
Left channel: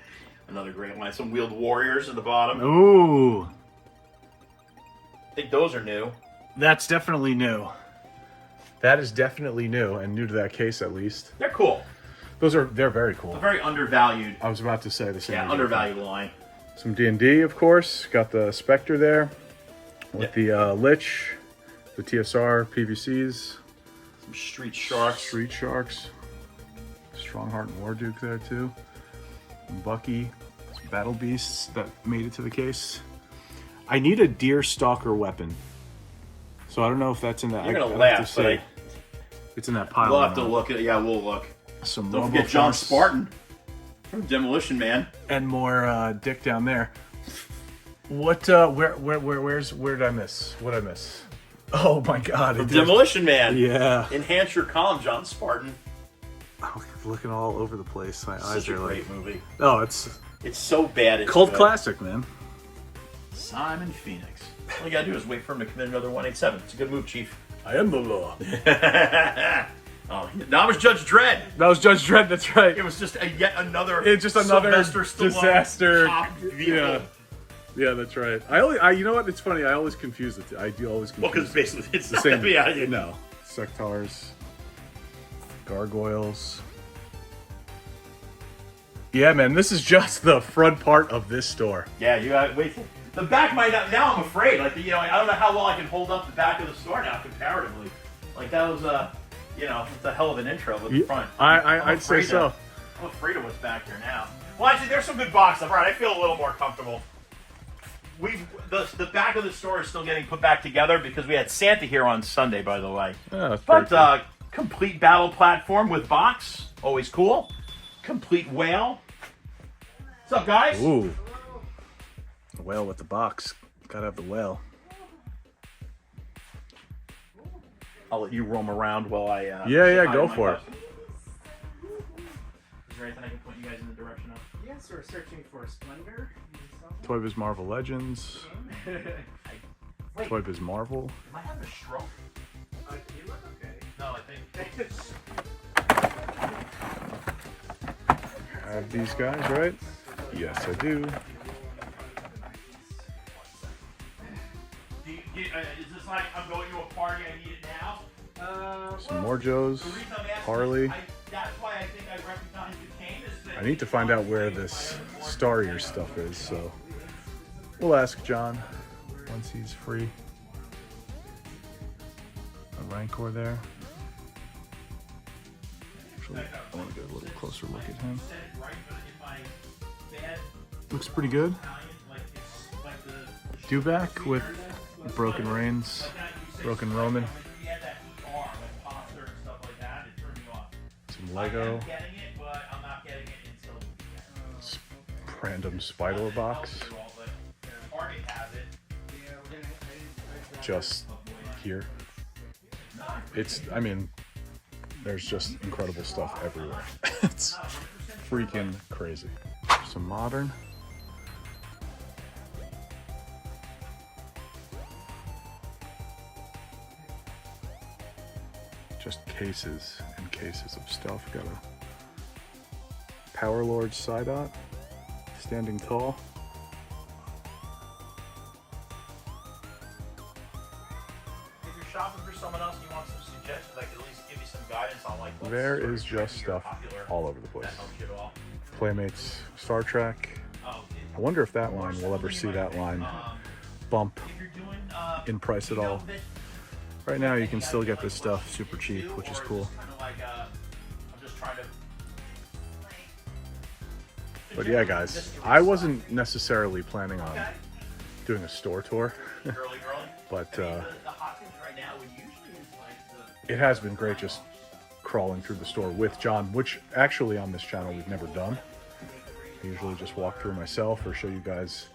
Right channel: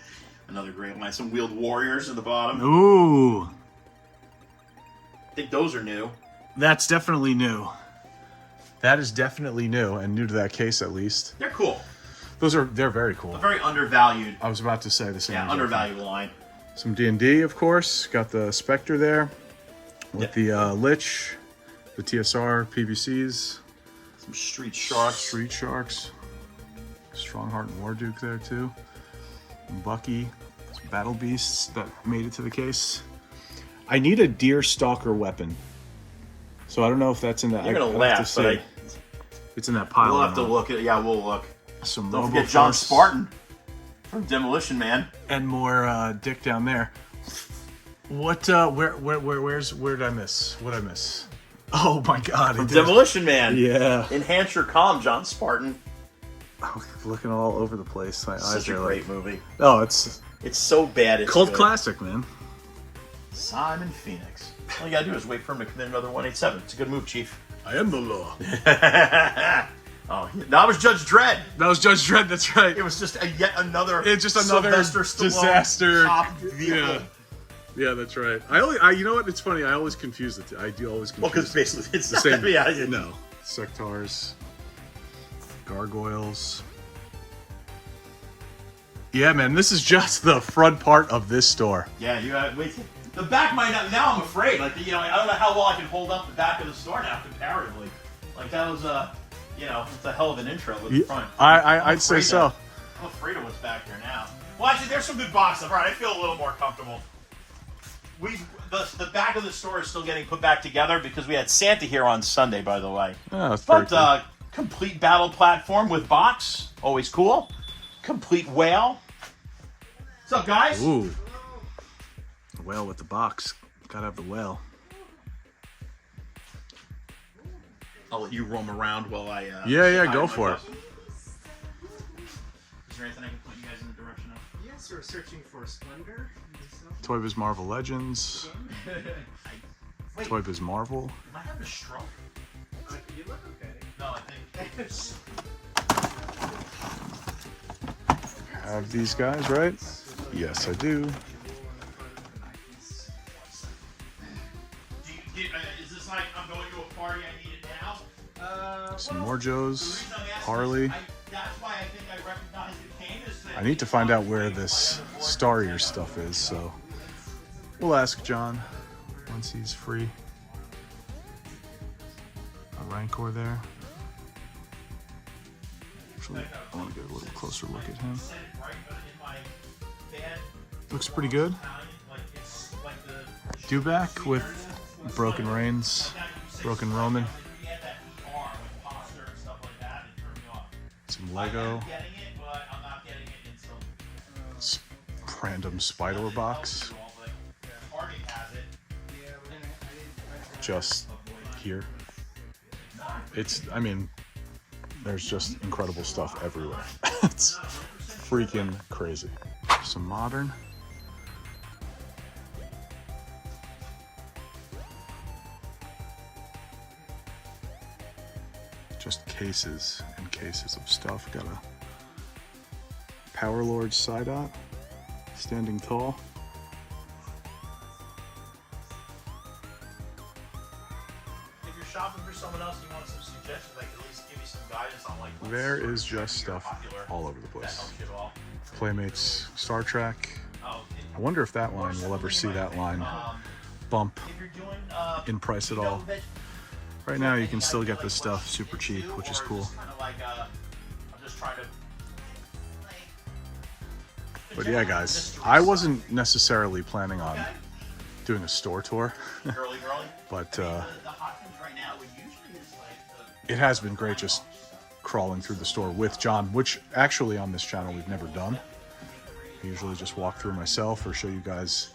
Another great line. Some wheeled warriors at the bottom. Ooh, I think those are new. that's definitely new. That is definitely new, and new to that case at least. They're cool. They're very cool. A very undervalued. I was about to say the same. Yeah, undervalued line. Some D&D, of course. Got the Spectre there with the Lich, the TSR, PVCs. Some Street Sharks. Street Sharks. Strongheart and Warduke there too. And Bucky. Some Battle Beasts that made it to the case. I need a Deer Stalker weapon. So I don't know if that's in that. You're gonna laugh, but it's in that pile. We'll have to look at. Yeah, we'll look. Some Don't forget John Spartan from Demolition Man. And more Dick down there. What? Where did I miss? What did I miss? Oh my God! From Demolition Man. Yeah. Enhance your calm, John Spartan. I'm looking all over the place. My eyes Such a are great like. movie. Oh, it's so bad. It's cult good. classic, man. Simon Phoenix. All you gotta do is wait for him to commit another 187. It's a good move, Chief. I am the law. Oh, that was Judge Dredd. That was Judge Dredd. That's right. It was just yet another. It's just another Sylvester Stallone disaster. cop vehicle. Yeah, that's right. You know what? It's funny. I always confuse it. I do always confuse. Well, because basically it's the same. Yeah, no. Sectars, gargoyles. Yeah, man. This is just the front part of this store. Yeah, you got wait. The back might not. Now I'm afraid. Like I don't know how well I can hold up the back of the store now comparatively. Like that was it's a hell of an intro with the front. I'd say so. I'm afraid of what's back here now. Well, actually, there's some good boxes. All right, I feel a little more comfortable. The back of the store is still getting put back together because we had Santa here on Sunday, by the way. Oh, that's pretty cool. Complete battle platform with box, always cool. Complete whale. What's up, guys? Ooh, the whale with the box. Gotta have the whale. I'll let you roam around while I. Yeah, go for it. Is there anything I can point you guys in the direction of? Yes, we're searching for Splendor. Toy Biz Marvel Legends. Toy Biz Marvel. I have a stroke. You look okay. No, I think. Have these guys, right? Yes, I do. Is this like I'm going to a party, I need it now? Some more Joes. Harley. That's why I think I recognize the cane. I need to find out where this Star Year stuff is, so we'll ask John once he's free. A Rancor there. Actually, I want to get a little closer look at him. Looks pretty good. Dewback with Broken Reigns, Broken Roman. Some Lego. Random Spider box. Just here. There's just incredible stuff everywhere. It's freaking crazy. Some modern. Just cases and cases of stuff. Got a Power Lord Psyduck. Standing tall. If you're shopping for someone else, you want some suggestions, I can at least give you some guidance on like. There is just stuff all over the place. Playmates, Star Trek. I wonder if that line will ever see that line bump in price at all. Right now, you can still get this stuff super cheap, which is cool. But yeah, guys, I wasn't necessarily planning on doing a store tour, but it has been great just crawling through the store with John, which actually on this channel we've never done. I usually just walk through myself or show you guys,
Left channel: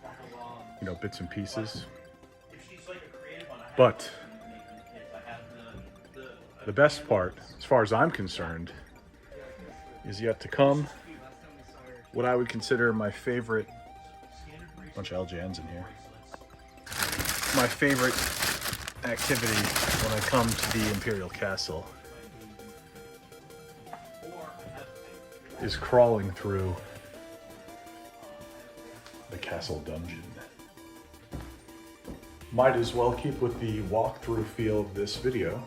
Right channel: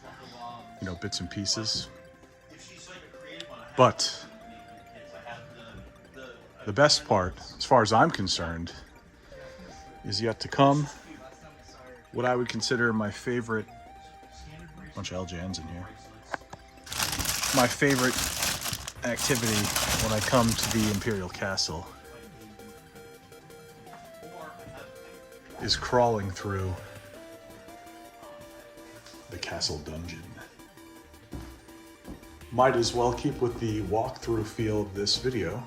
bits and pieces. But the best part, as far as I'm concerned, is yet to come. What I would consider my favorite, bunch of LJNs in here, my favorite activity when I come to the Imperial Castle is crawling through the castle dungeon. Might as well keep with the walkthrough feel of this video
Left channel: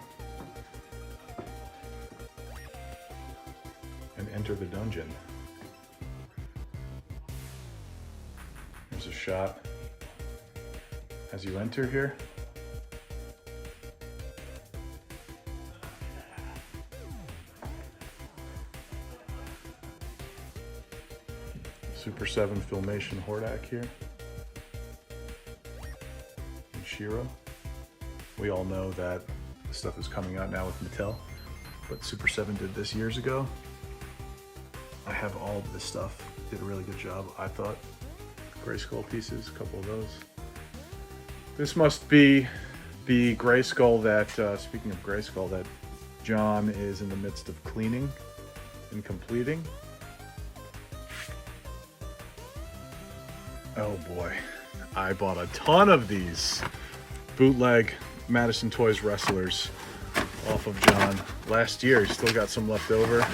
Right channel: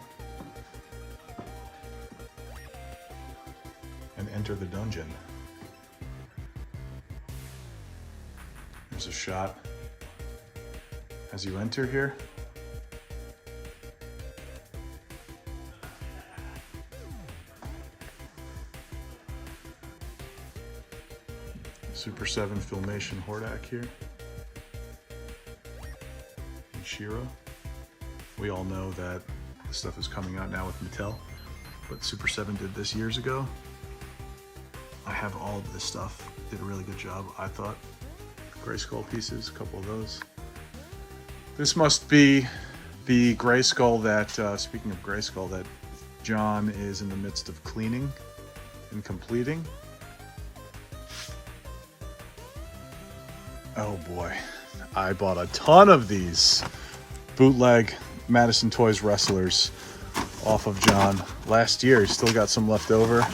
and enter the dungeon. There's a shot as you enter here. Super 7 Filmation Hordak here. And Shiro. We all know that this stuff is coming out now with Mattel, but Super 7 did this years ago. I have all of this stuff. Did a really good job, I thought. Grayskull pieces, a couple of those. This must be the Grayskull that, speaking of Grayskull, that John is in the midst of cleaning and completing. Oh boy, I bought a ton of these bootleg Madison Toys wrestlers off of John last year. He's still got some left over.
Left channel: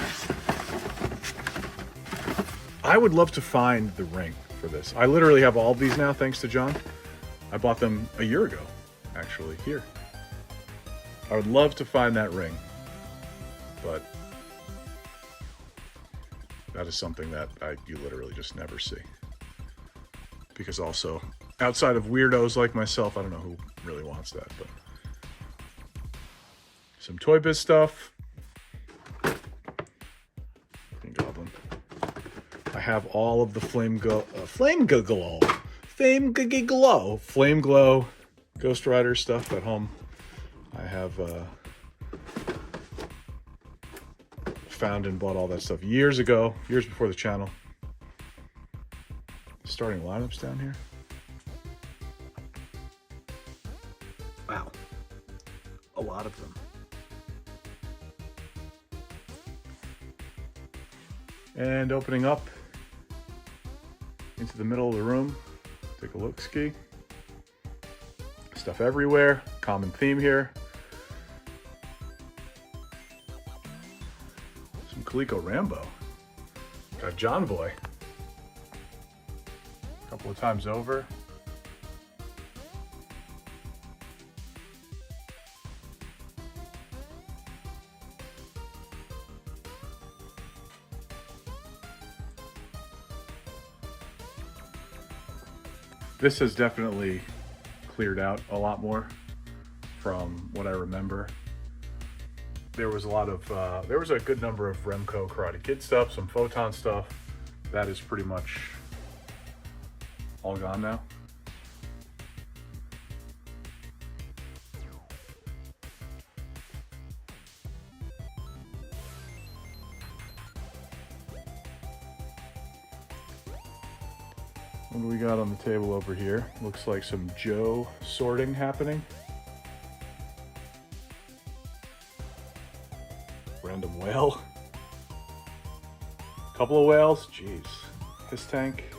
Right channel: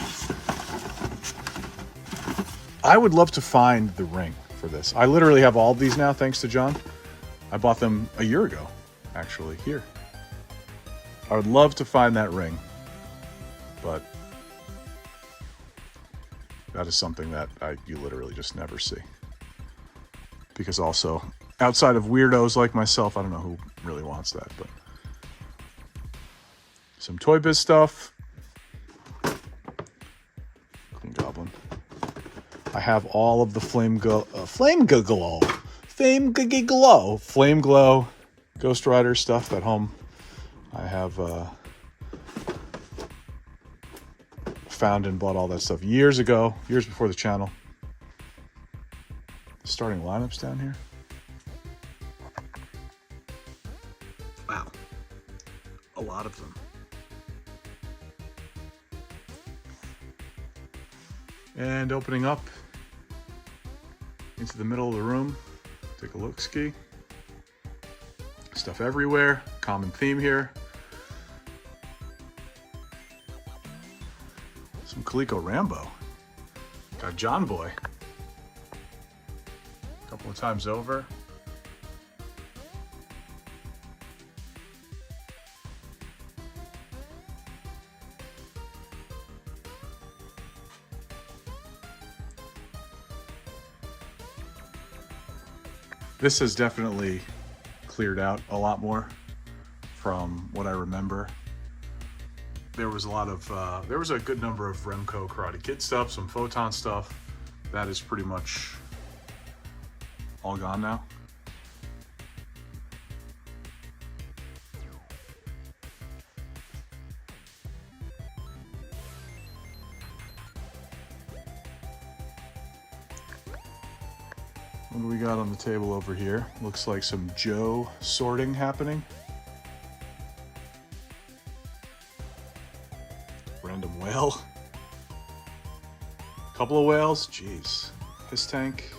I would love to find the ring for this. I literally have all of these now, thanks to John. I bought them a year ago, actually, here. I would love to find that ring, but that is something that you literally just never see. Because also, outside of weirdos like myself, I don't know who really wants that, but some Toy Biz stuff. Green Goblin. I have all of the Flame Glow Ghost Rider stuff at home. I have found and bought all that stuff years ago, years before the channel. Starting lineups down here. Wow, a lot of them. And opening up into the middle of the room, take a look ski. Stuff everywhere, common theme here. Some Coleco Rambo. Got John Boy. A couple of times over. This has definitely cleared out a lot more from what I remember. There was a lot of, there was a good number of Remco Karate Kid stuff, some Photon stuff. That is pretty much all gone now. What do we got on the table over here? Looks like some Joe sorting happening. Random whale. Couple of whales, jeez. Piss tank.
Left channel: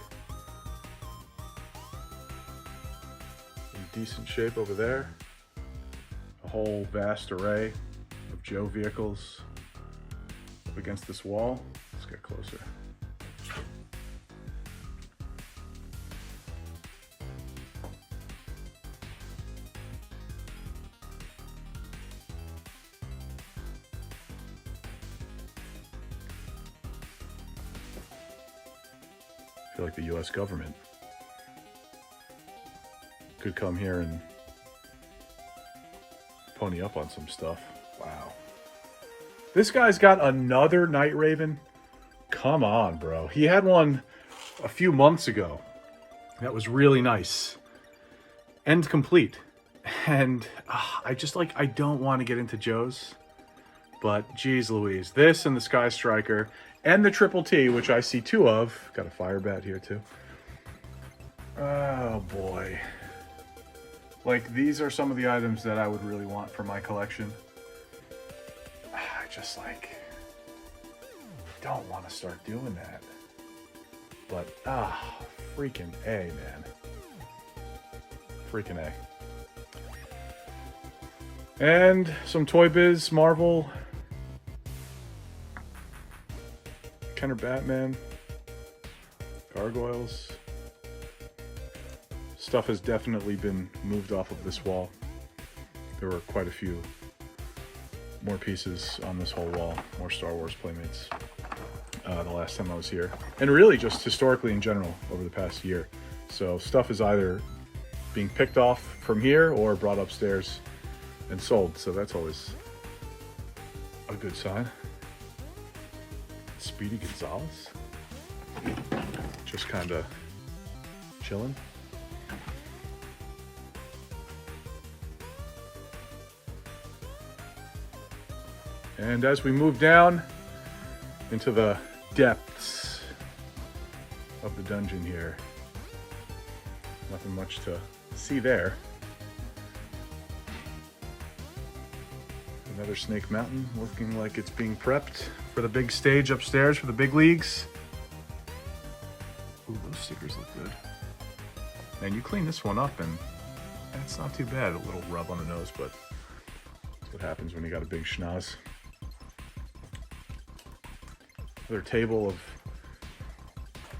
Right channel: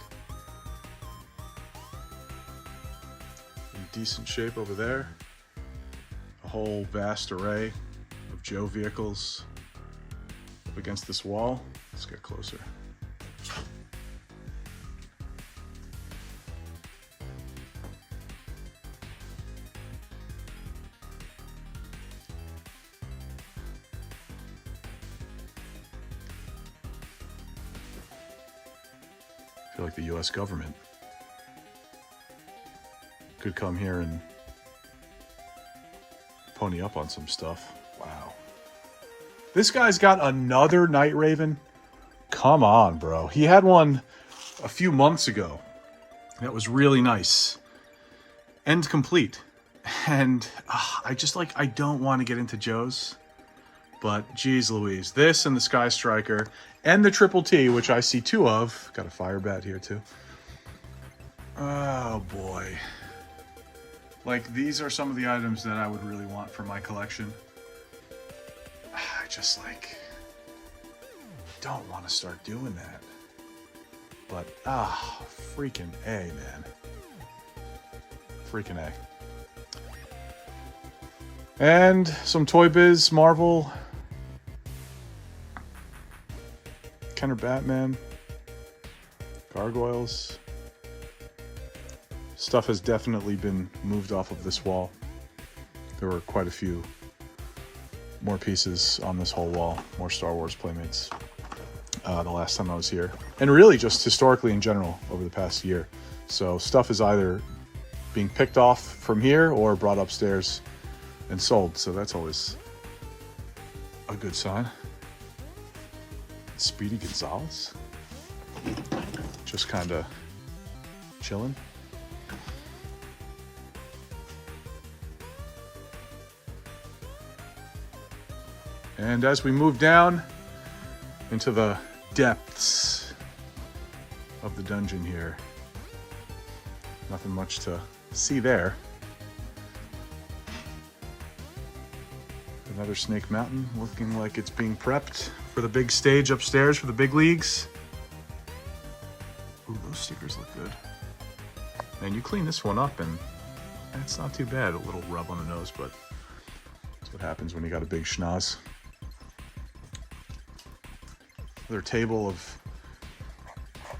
In decent shape over there. A whole vast array of Joe vehicles up against this wall. Let's get closer. I feel like the US government could come here and pony up on some stuff. Wow. This guy's got another Night Raven. Come on, bro. He had one a few months ago. That was really nice. End complete. And I just like, I don't want to get into Joe's. But geez Louise, this and the Sky Striker and the Triple T, which I see two of. Got a fire bat here too. Oh boy. Like, these are some of the items that I would really want for my collection. I just like, don't want to start doing that. But freaking A, man. Freaking A. And some Toy Biz Marvel. Kenner Batman. Gargoyles. Stuff has definitely been moved off of this wall. There were quite a few more pieces on this whole wall. More Star Wars Playmates the last time I was here. And really just historically in general over the past year. So stuff is either being picked off from here or brought upstairs and sold. So that's always a good sign. Speedy Gonzalez. Just kind of chilling. And as we move down into the depths of the dungeon here, nothing much to see there. Another Snake Mountain looking like it's being prepped for the big stage upstairs for the big leagues. Ooh, those stickers look good. And you clean this one up and it's not too bad. A little rub on the nose, but That's what happens when you got a big schnoz. Another table of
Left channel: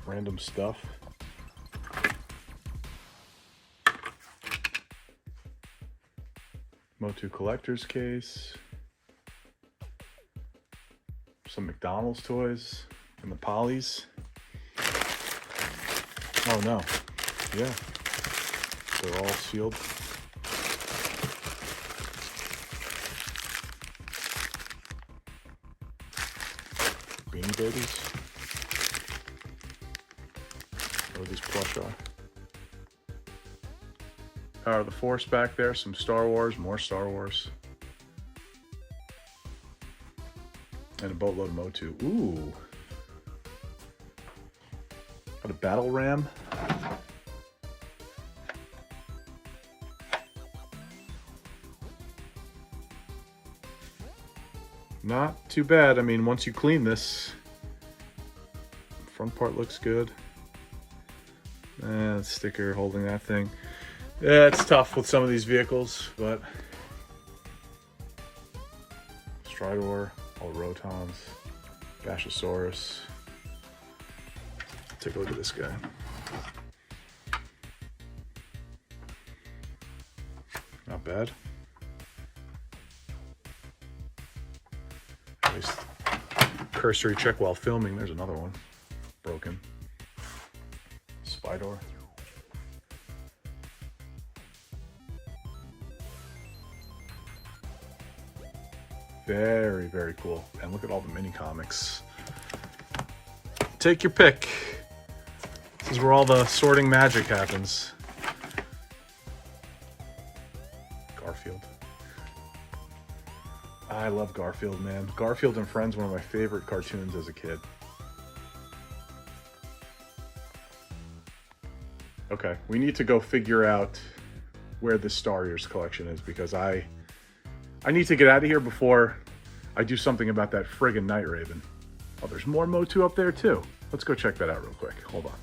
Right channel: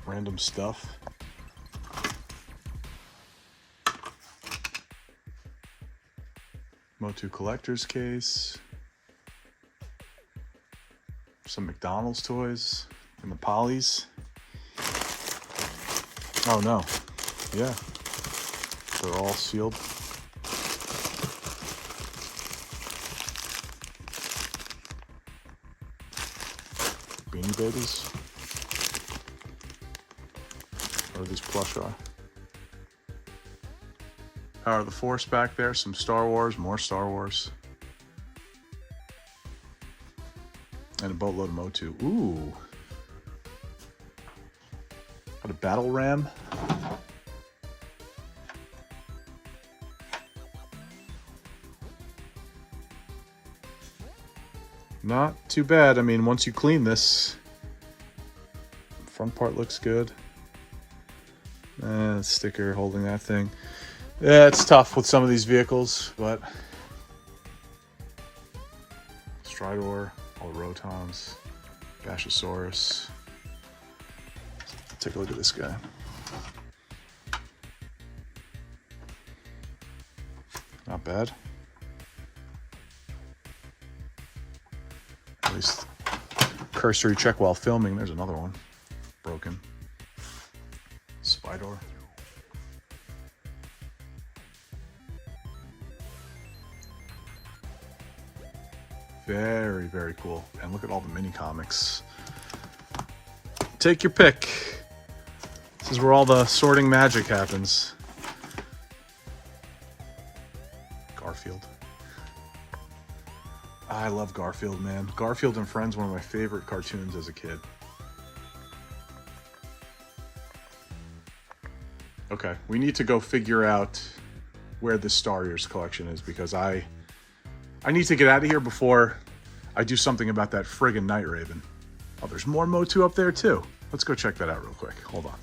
random stuff. Motu collector's case. Some McDonald's toys and the Polly's. Oh no. Yeah. They're all sealed. Beanie Babies. Where these plush are. Power of the Force back there. Some Star Wars. More Star Wars. And a boatload of Motu. Ooh. Got a battle ram. Not too bad. I mean, once you clean this, front part looks good. Sticker holding that thing. Yeah, it's tough with some of these vehicles, but Stridor, all Rotons, Bashosaurus. Take a look at this guy. Not bad. At least cursory check while filming. There's another one. Broken. Spydor. Very, very cool. And look at all the mini comics. Take your pick. This is where all the sorting magic happens. Garfield. I love Garfield, man. Garfield and Friends, one of my favorite cartoons as a kid. Okay, we need to go figure out where this Star Ears collection is because I need to get out of here before I do something about that friggin' Night Raven. Oh, there's more Motu up there too. Let's go check that out real quick. Hold on.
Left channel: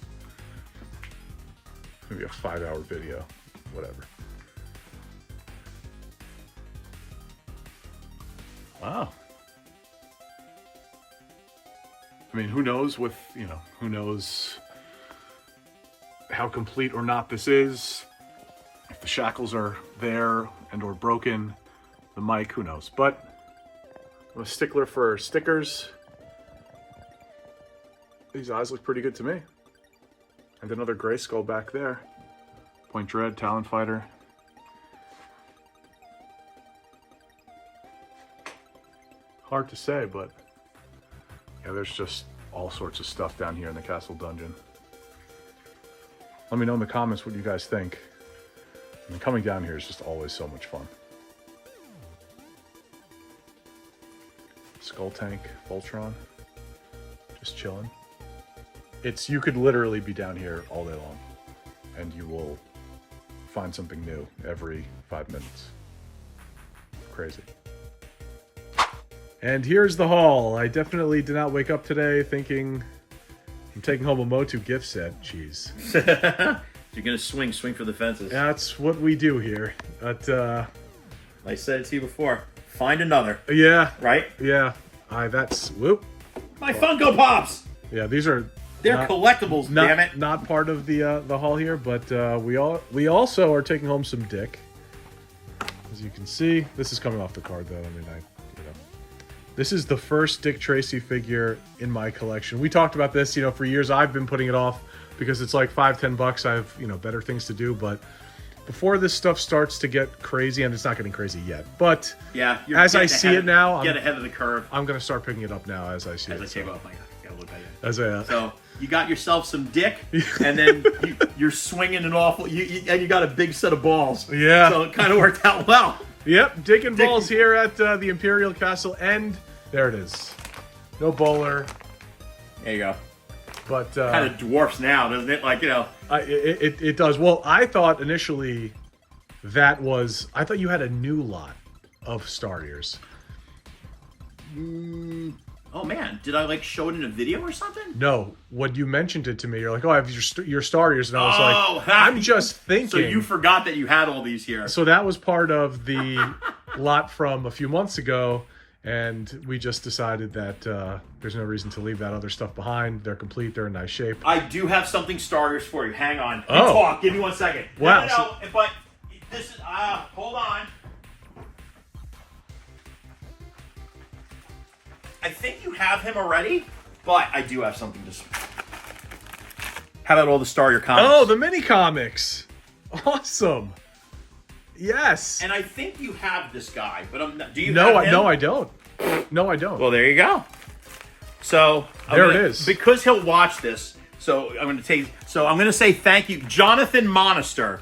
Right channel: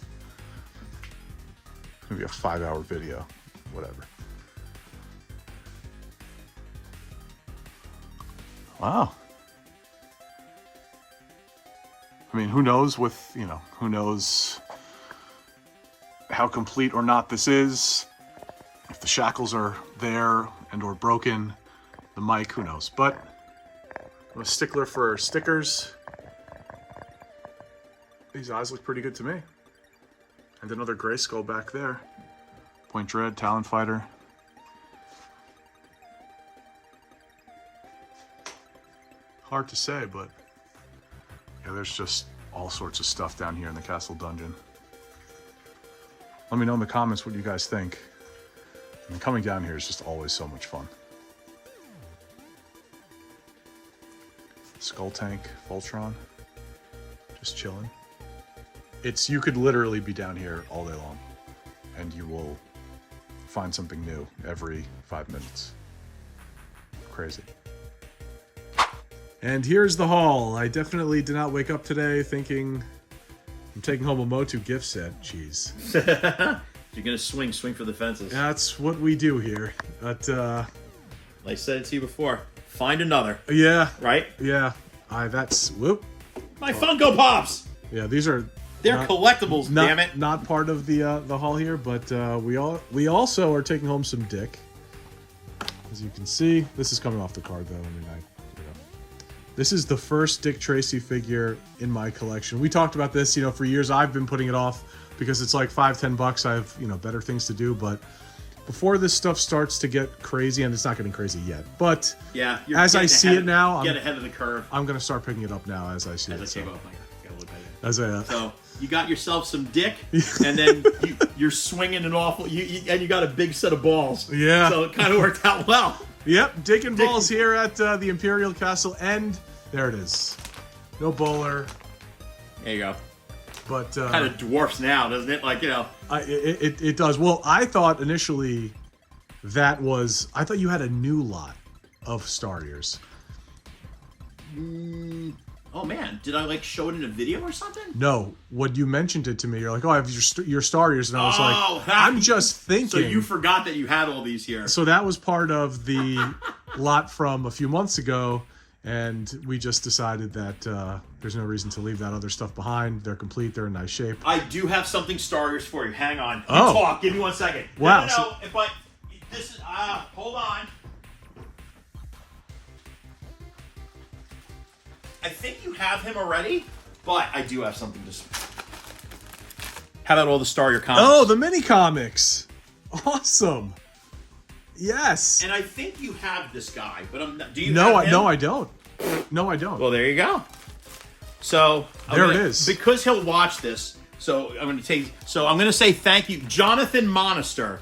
Maybe a 5-hour video, whatever. Wow. I mean, who knows who knows how complete or not this is. If the shackles are there and or broken, the mic, who knows. But I'm a stickler for stickers. These eyes look pretty good to me. And another gray skull back there. Point Dread, Talon Fighter. Hard to say, but yeah, there's just all sorts of stuff down here in the castle dungeon. Let me know in the comments what you guys think. I mean, coming down here is just always so much fun. Skull Tank, Voltron, just chilling. You could literally be down here all day long and you will find something new every 5 minutes. Crazy. And here's the haul. I definitely did not wake up today thinking I'm taking home a Motu gift set. Jeez. You're gonna swing for the fences. That's what we do here. But I said it to you before. Find another. Yeah. Right? Yeah. That's whoop. My Funko Pops! Yeah, They're collectibles, damn it. Not part of the haul here, but we also are taking home some Dick. As you can see, this is coming off the card though. I mean, this is the first Dick Tracy figure in my collection. We talked about this, for years. I've been putting it off because it's like $5-10. I have, better things to do. But before this stuff starts to get crazy, and it's not getting crazy yet, but yeah, as I see it now, get ahead of the curve. I'm gonna start picking it up now as I see it. As I take off, gotta look at it. So you got yourself some Dick, and then you're swinging an awful. And you got a big set of balls. Yeah. So it kind of worked out well. Yep, Dick and balls here at the Imperial Castle, and there it is. No bowler. There you go. But kind of dwarfs now, doesn't it? Like, it does. Well, I thought initially I thought you had a new lot of Star Ears. Oh man, did I show it in a video or something? No, when you mentioned it to me, you're like, "Oh, I have your Star Ears," and I was like, "I'm just thinking." So you forgot that you had all these here. So that was part of the lot from a few months ago, and we just decided that there's no reason to leave that other stuff behind. They're complete. They're in nice shape. I do have something Star Wars for you. Hang on. You Oh. talk. Give me 1 second. Wow. No. If I... This is... hold on. I think you have him already, but I do have something to... How about all the Star Wars comics? Oh, the mini comics. Awesome. Yes. And I think you have this guy, but I'm not... Do you No, have him? no, I don't. No, I don't. Well, there you go. So There it is. Because he'll watch this, so I'm going to say thank you, Jonathan Monister.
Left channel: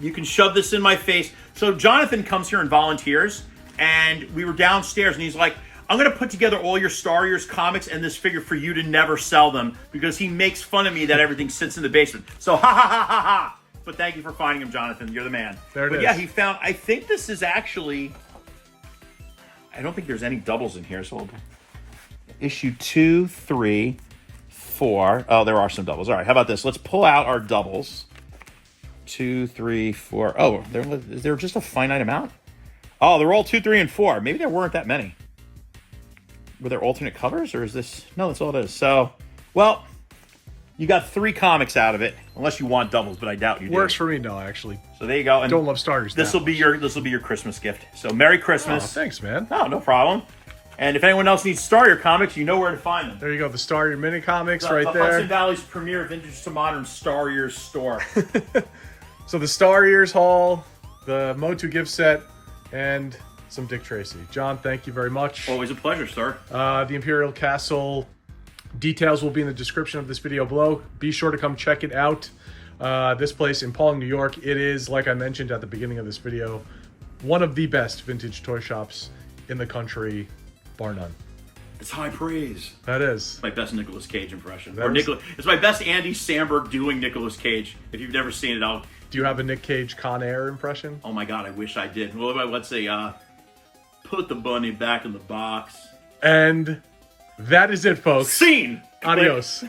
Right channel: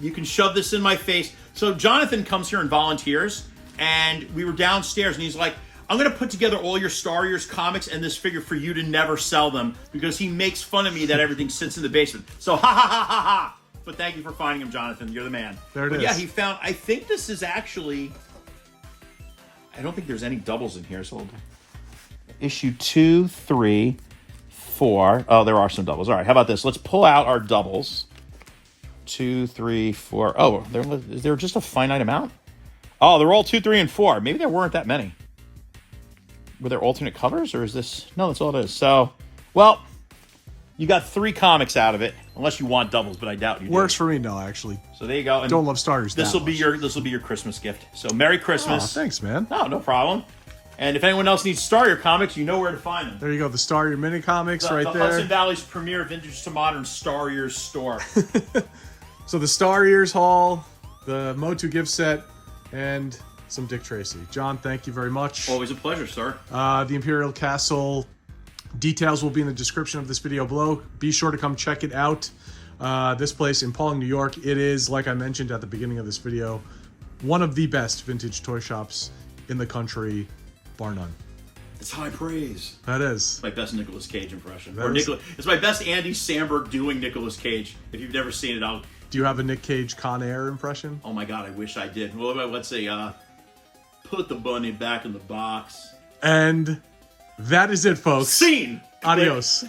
You can shove this in my face. So Jonathan comes here and volunteers, and we were downstairs, and he's like, I'm going to put together all your Star Wars comics and this figure for you to never sell them, because he makes fun of me that everything sits in the basement. So ha ha ha ha ha. But thank you for finding him, Jonathan. You're the man. There it but is. Yeah, he found, I think this is actually, I don't think there's any doubles in here, so we'll issue 2, 3, 4. Oh, there are some doubles. All right, how about this? Let's pull out our doubles. 2, 3, 4. Oh, is there just a finite amount? Oh, they're all 2, 3, and 4. Maybe there weren't that many. Were there alternate covers, or is this... No, that's all it is. So, well, you got 3 comics out of it, unless you want doubles, but I doubt you do. Works for me, no, actually. So there you go. And Don't love Star Wars. this will be your Christmas gift. So Merry Christmas. Oh, thanks, man. No problem. And if anyone else needs Star Wars comics, you know where to find them. There you go. The Star Wars mini comics The right Hudson there. Valley's premier vintage to modern Star Wars store. So the Star Wars haul, the Motu gift set, and some Dick Tracy. John, thank you very much. Always a pleasure, sir. The Imperial Castle details will be in the description of this video below. Be sure to come check it out. This place in Pawling, New York, it is, like I mentioned at the beginning of this video, one of the best vintage toy shops in the country, bar none. It's high praise. That is. My best Nicolas Cage impression. That is- It's my best Andy Samberg doing Nicolas Cage. If you've never seen it, Do you have a Nick Cage Con Air impression? oh my God, I wish I did. Well, let's say, put the bunny back in the box. And that is it, folks. Scene! Adios.